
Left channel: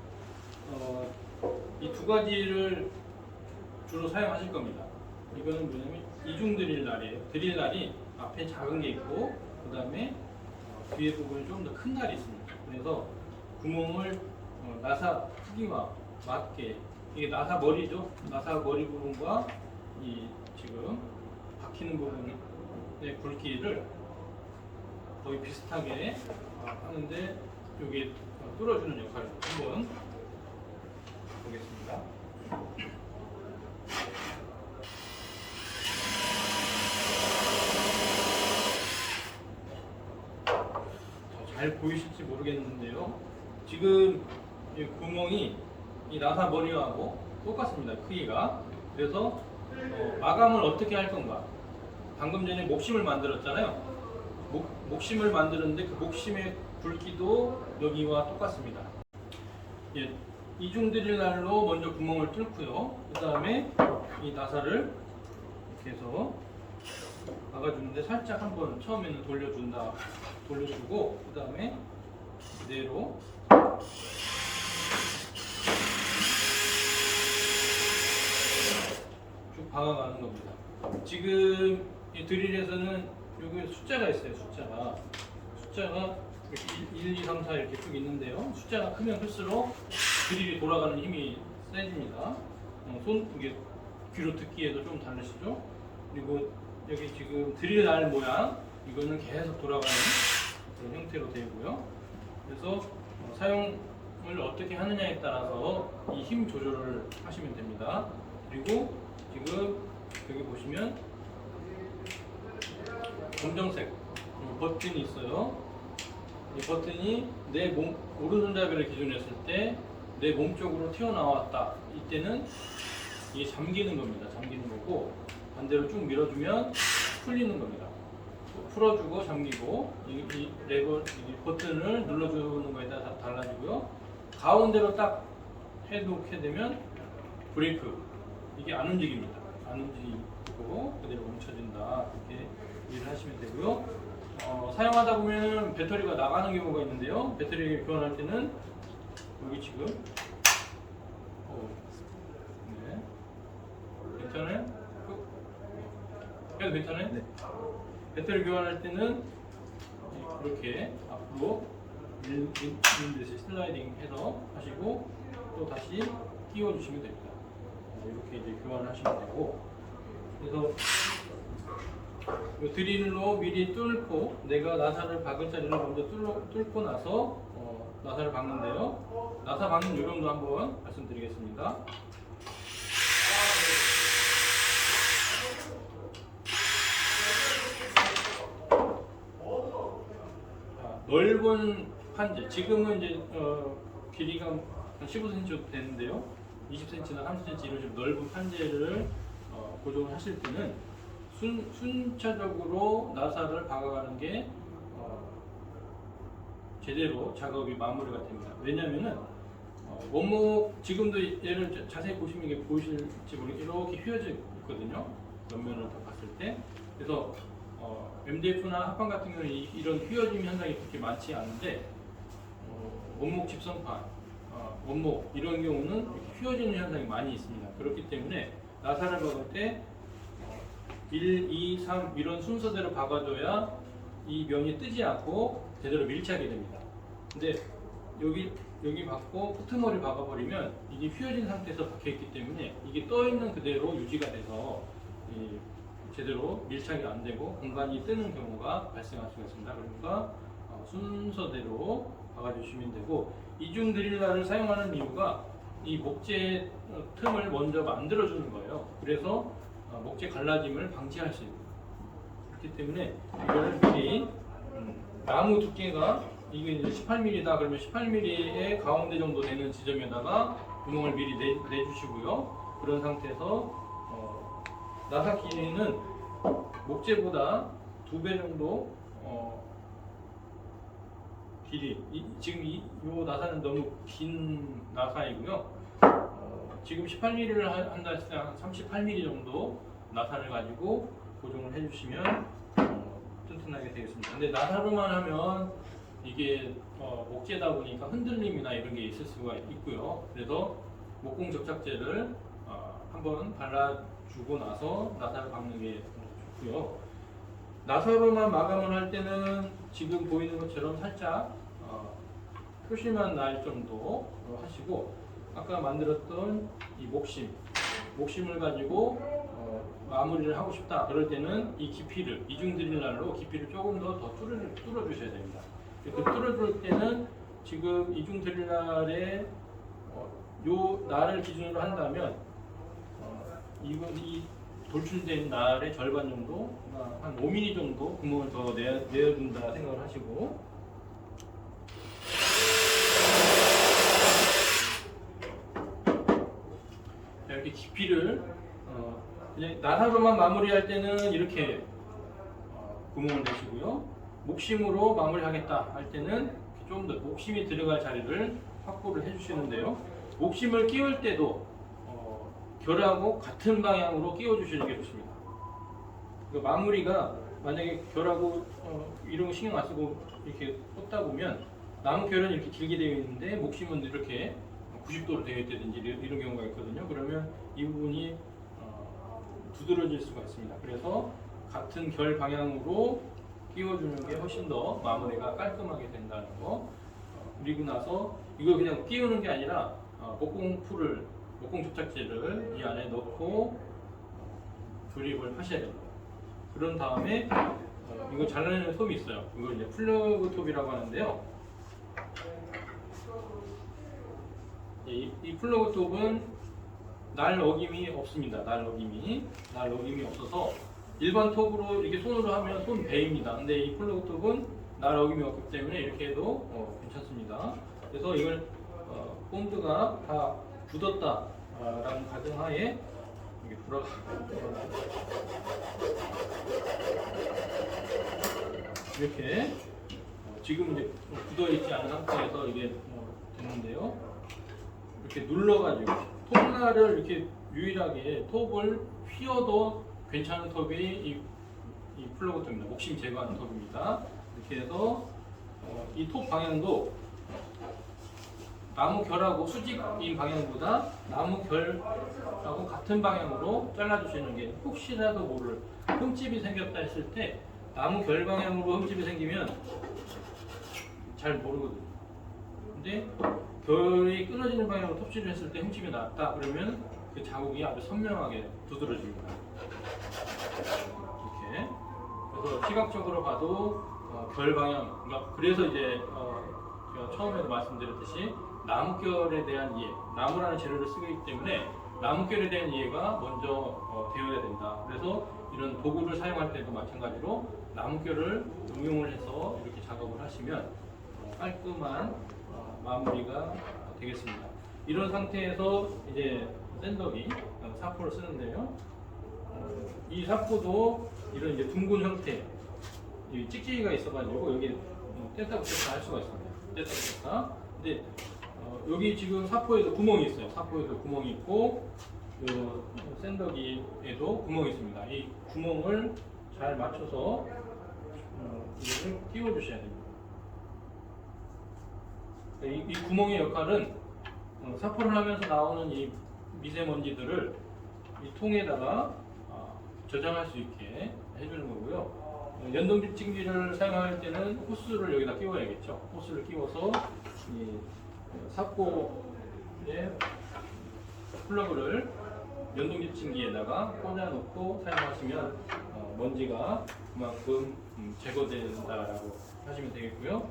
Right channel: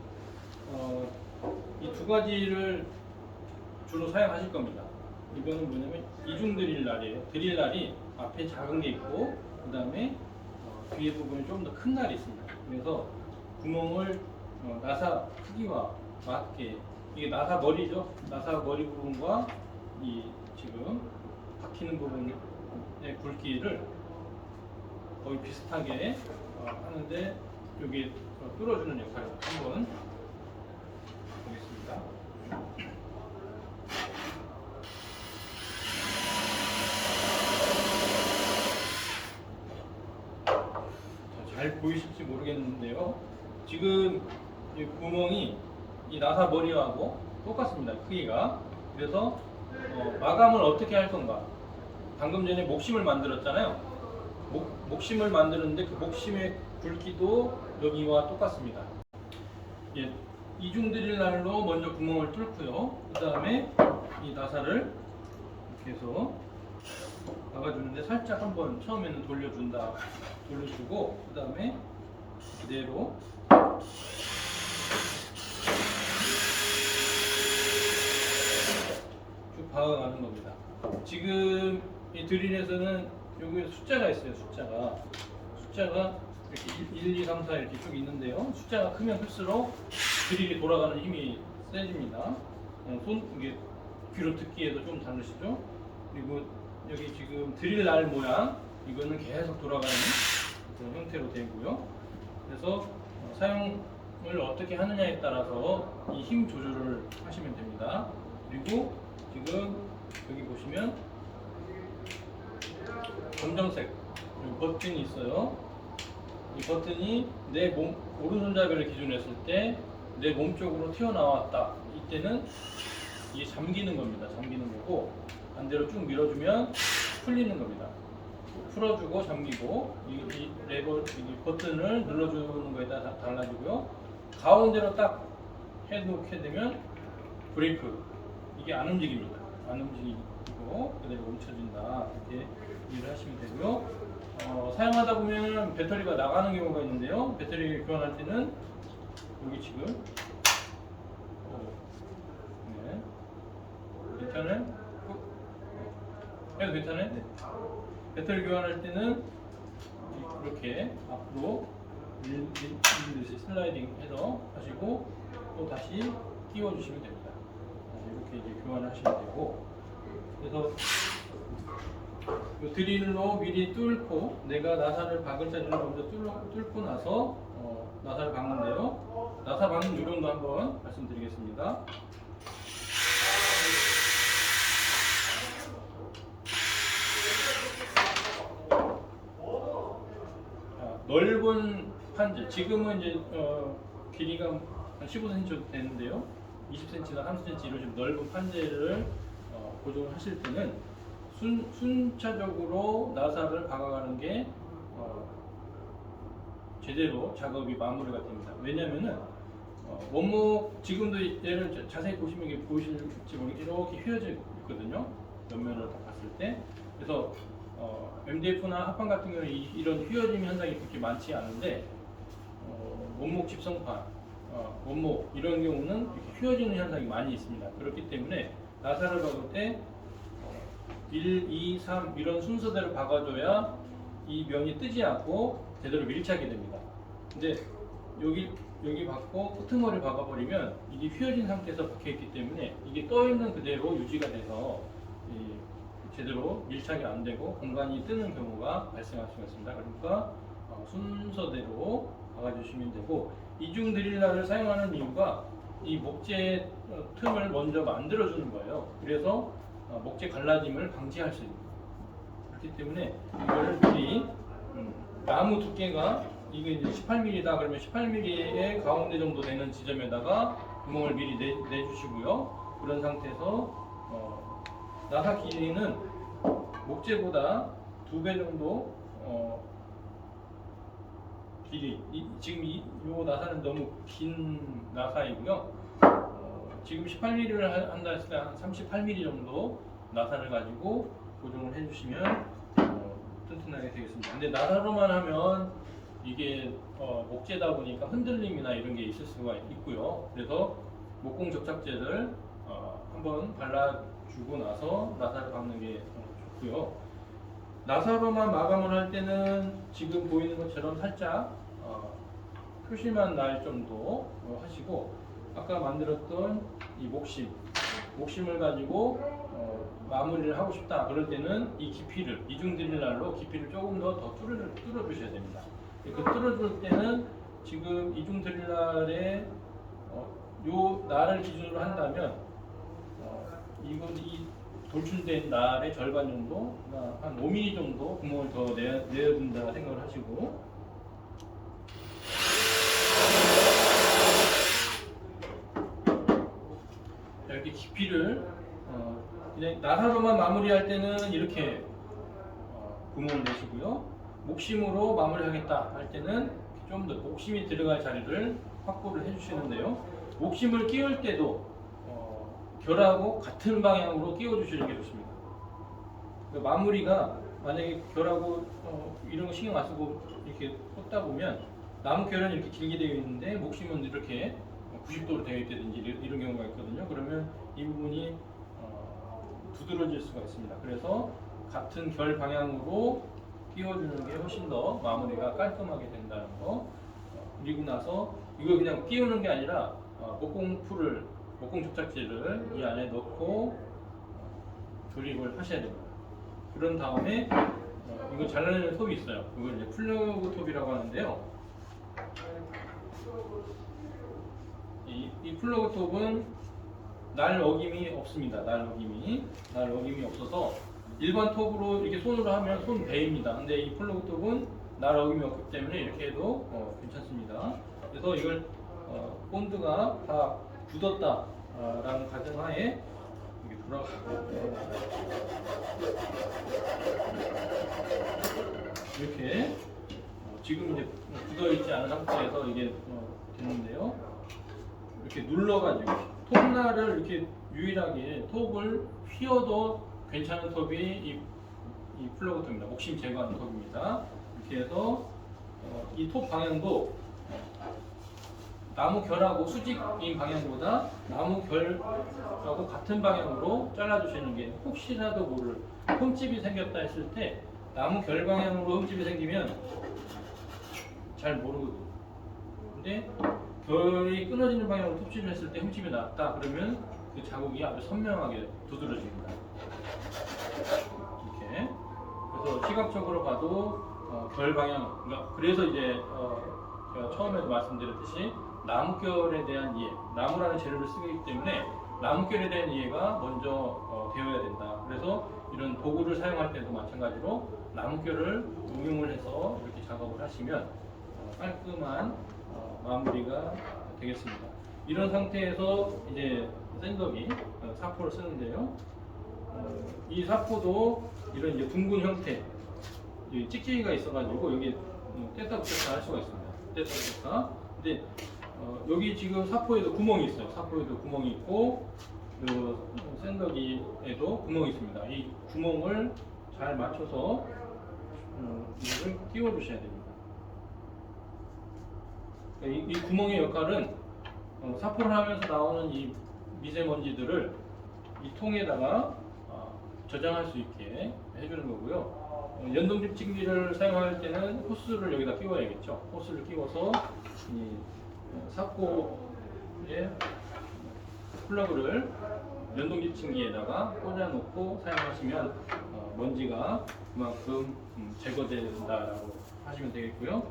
이 두 가지를 주로 사용하실 겁니다. 이거는 뭐냐면 이중 드릴날이에요. 드릴날이 앞에 작은 게 있고 그 다음에 뒤에 부분이 좀 더 큰 날이 있습니다. 그래서 구멍을 나사 크기와 맞게, 이게 나사 머리죠. 나사 머리 부분과 이 지금 박히는 부분의 굵기를 거의 비슷하게 하는데 여기 뚫어주는 역할을 한번 보겠습니다. 잘 보이실지 모르겠는데요. 지금 이 구멍이 이 나사 머리하고 똑같습니다. 크기가. 그래서 마감을 어떻게 할 건가? 방금 전에 목심을 만들었잖아요. 목심을 만드는데 그 목심의 굵기도 여기와 똑같습니다. 예, 이중 드릴날로 먼저 구멍을 뚫고요. 그 다음에 이 나사를 이렇게 해서 막아주는데 살짝 한번 처음에는 돌려주고 그 다음에 그대로 쭉 박아가는 겁니다. 지금 이 드릴에서는 여기 숫자가 있어요. 숫자가 이렇게 1, 2, 3, 4 이렇게 쭉 있는데요. 숫자가 크면 클수록 드릴이 돌아가는 힘이 세집니다. 이게 귀로 듣기에도 좀 다르시죠? 그리고 여기 지금 드릴 날 모양, 이거는 계속 돌아가는 그런 형태로 되고요. 그래서 사용 어떻게 하느냐에 따라서 이 힘 조절을 하시면 됩니다. 그리고 지금 여기 보시면 검정색 이 버튼이 있어요. 이 버튼이 내 몸 오른손잡이를 기준으로 했을 때 내 몸 쪽으로 튀어나왔다. 이때는 이게 잠기는 겁니다. 잠기는 거고 반대로 쭉 밀어주면 풀리는 겁니다. 풀어주고 잠기고 이 레버 이 버튼을 눌러주는 거에 따라 달라지고요. 가운데로 딱 해놓게 되면 브레이크 이게 안 움직입니다. 안 움직이고 그대로 멈춰진다. 이렇게 이해를 하시면 되고요. 사용하다 보면 배터리가 나가는 경우가 있는데요. 배터리 교환할 때는 여기 지금 네. 괜찮아요? 해도 괜찮아요? 네. 배터리 교환할 때는 이렇게 앞으로 밀는 듯이 슬라이딩 해서 하시고 또 다시 끼워 주시면 됩니다. 이렇게 이제 교환을 하시면 되고 그래서 이 드릴로 미리 뚫고 내가 나사를 박을 자리를 먼저 뚫고 나서 나사를 박는데요. 나사 박는 요령도 한번 말씀드리겠습니다. 넓은 판재, 지금은 이제 길이가 한 15cm 정도 되는데요. 20cm나 30cm 이런 식으로 넓은 판재를 고정하실 때는 순차적으로 나사를 박아가는 게 제대로 작업이 마무리가 됩니다. 왜냐하면은 원목 지금도 얘를 자세히 보시면 이게 보이실지 모르겠는데 이렇게 휘어져 있거든요. 옆면으로 다 봤을 때. 그래서 MDF나 합판 같은 경우는 이런 휘어짐 현상이 그렇게 많지 않은데 원목 집성판, 원목 이런 경우는 이렇게 휘어지는 현상이 많이 있습니다. 그렇기 때문에 나사를 박을 때 1, 2, 3 이런 순서대로 박아줘야 이 면이 뜨지 않고 제대로 밀착이 됩니다. 근데 여기 박고 끄트머리 박아버리면 이게 휘어진 상태에서 박혀있기 때문에 이게 떠있는 그대로 유지가 돼서 제대로 밀착이 안 되고 공간이 뜨는 경우가 발생할 수가 있습니다. 그러니까 순서대로 박아주시면 되고 이중 드릴러를 사용하는 이유가 이 목재 틈을 먼저 만들어주는 거예요. 그래서 목재 갈라짐을 방지할 수 있고 그렇기 때문에 이거를 미리 나무 두께가 이게 이제 18mm다 그러면 18mm의 가운데 정도 되는 지점에다가 구멍을 미리 내주시고요. 그런 상태에서 나사 길이는 목재보다 2배 정도 길이 지금 이 나사는 너무 긴 나사이고요. 지금 18mm를 한다 했을 때 한 38mm 정도 나사를 가지고 고정을 해주시면 튼튼하게 되겠습니다. 근데 나사로만 하면 이게 목재다 보니까 흔들림이나 이런 게 있을 수가 있고요. 그래서 목공 접착제를 한번 발라주고 나서 나사를 박는 게 좋고요. 나사로만 마감을 할 때는 지금 보이는 것처럼 살짝 표시만 날 정도 하시고 아까 만들었던 이 목심을 가지고 마무리를 하고 싶다 그럴 때는 이 깊이를 이중 드릴날로 깊이를 조금 더 뚫어 주셔야 됩니다. 그 뚫어줄 때는 지금 이중 드릴날에 요 날을 기준으로 한다면 이 돌출된 날의 절반 정도, 한 5mm 정도 구멍을 더 내어준다 생각을 하시고 이렇게 깊이를 그냥 나사로만 마무리할 때는 이렇게 구멍을 내시고요. 목심으로 마무리하겠다 할 때는 좀 더 목심이 들어갈 자리를 확보를 해주시는데요. 목심을 끼울 때도 결하고 같은 방향으로 끼워 주시는 게 좋습니다. 그러니까 마무리가 만약에 결하고 이런 거 신경 안 쓰고 이렇게 꽂다 보면 나무 결은 이렇게 길게 되어 있는데 목심은 이렇게 90도로 되어 있다든지 이런 경우가 있거든요. 그러면 이 부분이 두드러질 수가 있습니다. 그래서 같은 결 방향으로 끼워주는 게 훨씬 더 마무리가 깔끔하게 된다는 거. 그리고 나서 이걸 그냥 끼우는 게 아니라 목공 접착제를 이 안에 넣고 조립을 하셔야 됩니다. 그런 다음에 이거 잘라내는 톱이 있어요. 이걸 이제 플러그 톱이라고 하는데요. 이 플러그 톱은 날 어김이 없습니다. 날 어김이 없어서 일반 톱으로 이렇게 손으로 하면 손 베입니다. 근데 이 플러그 톱은 날 어김이 없기 때문에 이렇게 해도 괜찮습니다. 그래서 이걸 본드가 다 굳었다라는 가정하에 이렇게 이렇게 지금 이제 굳어 있지 않은 상태에서 이게 됐는데요. 이렇게 눌러가지고 톱날을 이렇게 유일하게 톱을 휘어도 괜찮은 톱이 이 플러그 톱입니다. 옥심 제거하는 톱입니다. 이렇게 해서 이 톱 방향도 나무 결하고 수직인 방향보다 나무 결하고 같은 방향으로 잘라주시는 게 혹시라도 모를 흠집이 생겼다 했을 때 나무 결 방향으로 흠집이 생기면 잘 모르거든요. 근데 결이 끊어지는 방향으로 톱질을 했을 때 흠집이 났다 그러면 그 자국이 아주 선명하게 두드러집니다. 이렇게. 그래서 시각적으로 봐도 결 방향, 그래서 이제 제가 처음에도 말씀드렸듯이 나무결에 대한 이해, 나무라는 재료를 쓰기 때문에 나무결에 대한 이해가 먼저 되어야 된다. 그래서 이런 도구를 사용할 때도 마찬가지로 나무결을 응용을 해서 이렇게 작업을 하시면 깔끔한 마무리가 되겠습니다. 이런 상태에서 이제 샌더기 사포를 쓰는데요. 이 사포도 이런 이제 둥근 형태, 찍찍이가 있어가지고 여기 뗐다 붙였다 할 수가 있습니다. 뗐다 붙였다. 근데 여기 지금 사포에도 구멍이 있어요. 사포에도 구멍이 있고 요 샌더기에도 구멍이 있습니다. 이 구멍을 잘 맞춰서 이거를 끼워 주셔야 됩니다. 이 구멍의 역할은 사포를 하면서 나오는 이 미세먼지들을 이 통에다가 저장할 수 있게 해주는 거고요. 연동집 찜기를 사용할 때는 호스를 여기다 끼워야겠죠. 호스를 끼워서 이 사포의 플러그를 연동집 찜기에다가 꽂아놓고 사용하시면 먼지가 그만큼 제거된다라고 하시면 되겠고요.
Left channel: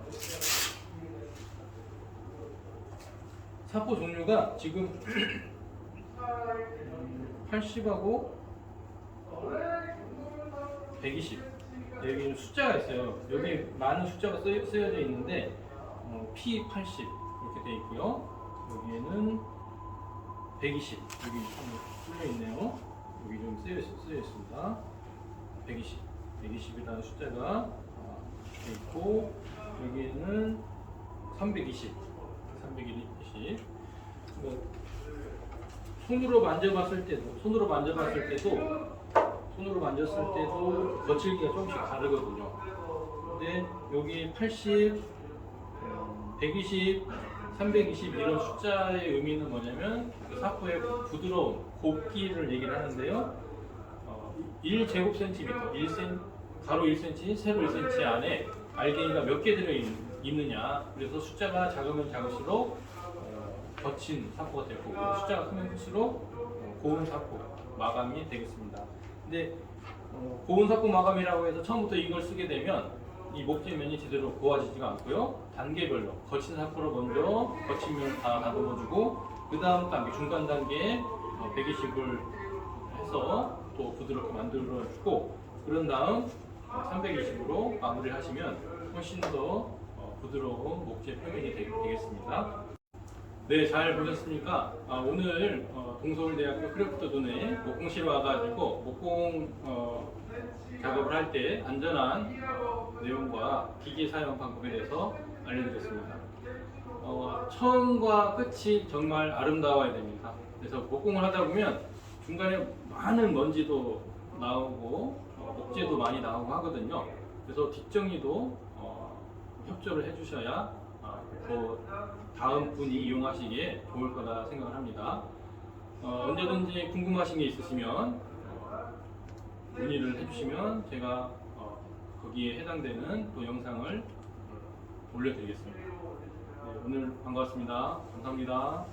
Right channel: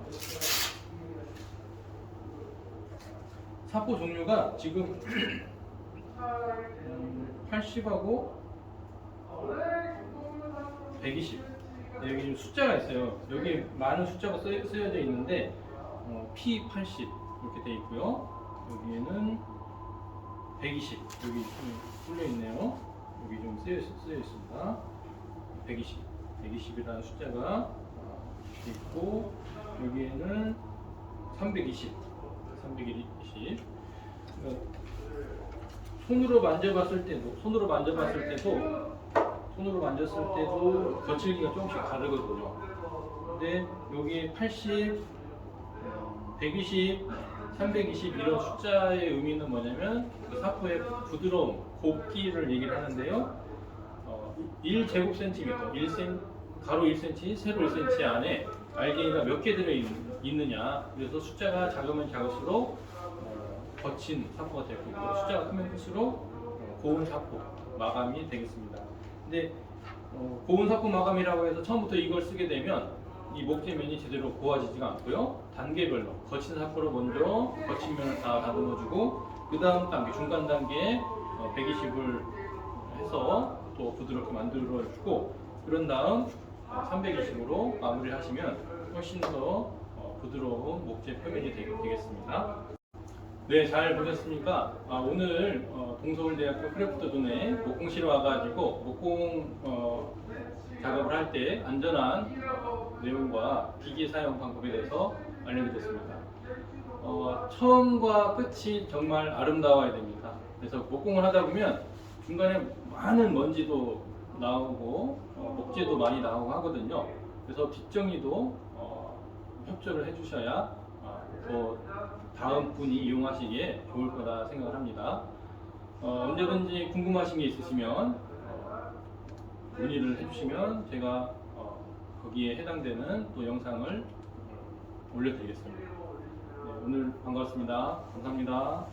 사포 종류가 지금 80하고 120 여기 숫자가 있어요. 여기 많은 숫자가 쓰여져 있는데 P80 이렇게 되어 있고요. 여기에는 120 여기 좀 뚫려 있네요. 여기 좀 쓰여 있습니다. 120이라는 숫자가 되어 있고 여기에는 320 손으로 만졌을 때도 거칠기가 조금씩 다르거든요. 근데 여기 80, 120, 320 이런 숫자의 의미는 뭐냐면 그 사포의 부드러움, 곱기를 얘기를 하는데요. 1제곱센티미터, 가로 1cm, 세로 1cm 안에 알갱이가 몇 개 들어 있느냐. 그래서 숫자가 작으면 작을수록 거친 사포가 될 거고 숫자가 크면 클수록 고운 사포 마감이 되겠습니다. 근데 고운 사포 마감이라고 해서 처음부터 이걸 쓰게 되면 이 목재면이 제대로 고와지지가 않고요. 단계별로 거친 사포로 먼저 거친 면을 다 다듬어주고 그 다음 단계 중간 단계에 120을 해서 또 부드럽게 만들어주고 그런 다음 320으로 마무리하시면 훨씬 더 부드러운 목재 표면이 되겠습니다. 네, 잘 보셨습니까? 오늘 동서울대학교 크래프트존에 목공실에 와가지고 목공 작업을 할 때 안전한 내용과 기기 사용 방법에 대해서 알려드렸습니다. 처음과 끝이 정말 아름다워야 됩니다. 그래서 목공을 하다 보면 중간에 많은 먼지도 나오고 목재도 많이 나오고 하거든요. 그래서 뒷정리도 협조를 해주셔야 더 다음 분이 이용하시기에 좋을 거다 생각을 합니다. 언제든지 궁금하신 게 있으시면 문의를 해주시면 제가 거기에 해당되는 또 영상을 올려드리겠습니다. 네, 오늘 반가웠습니다. 감사합니다.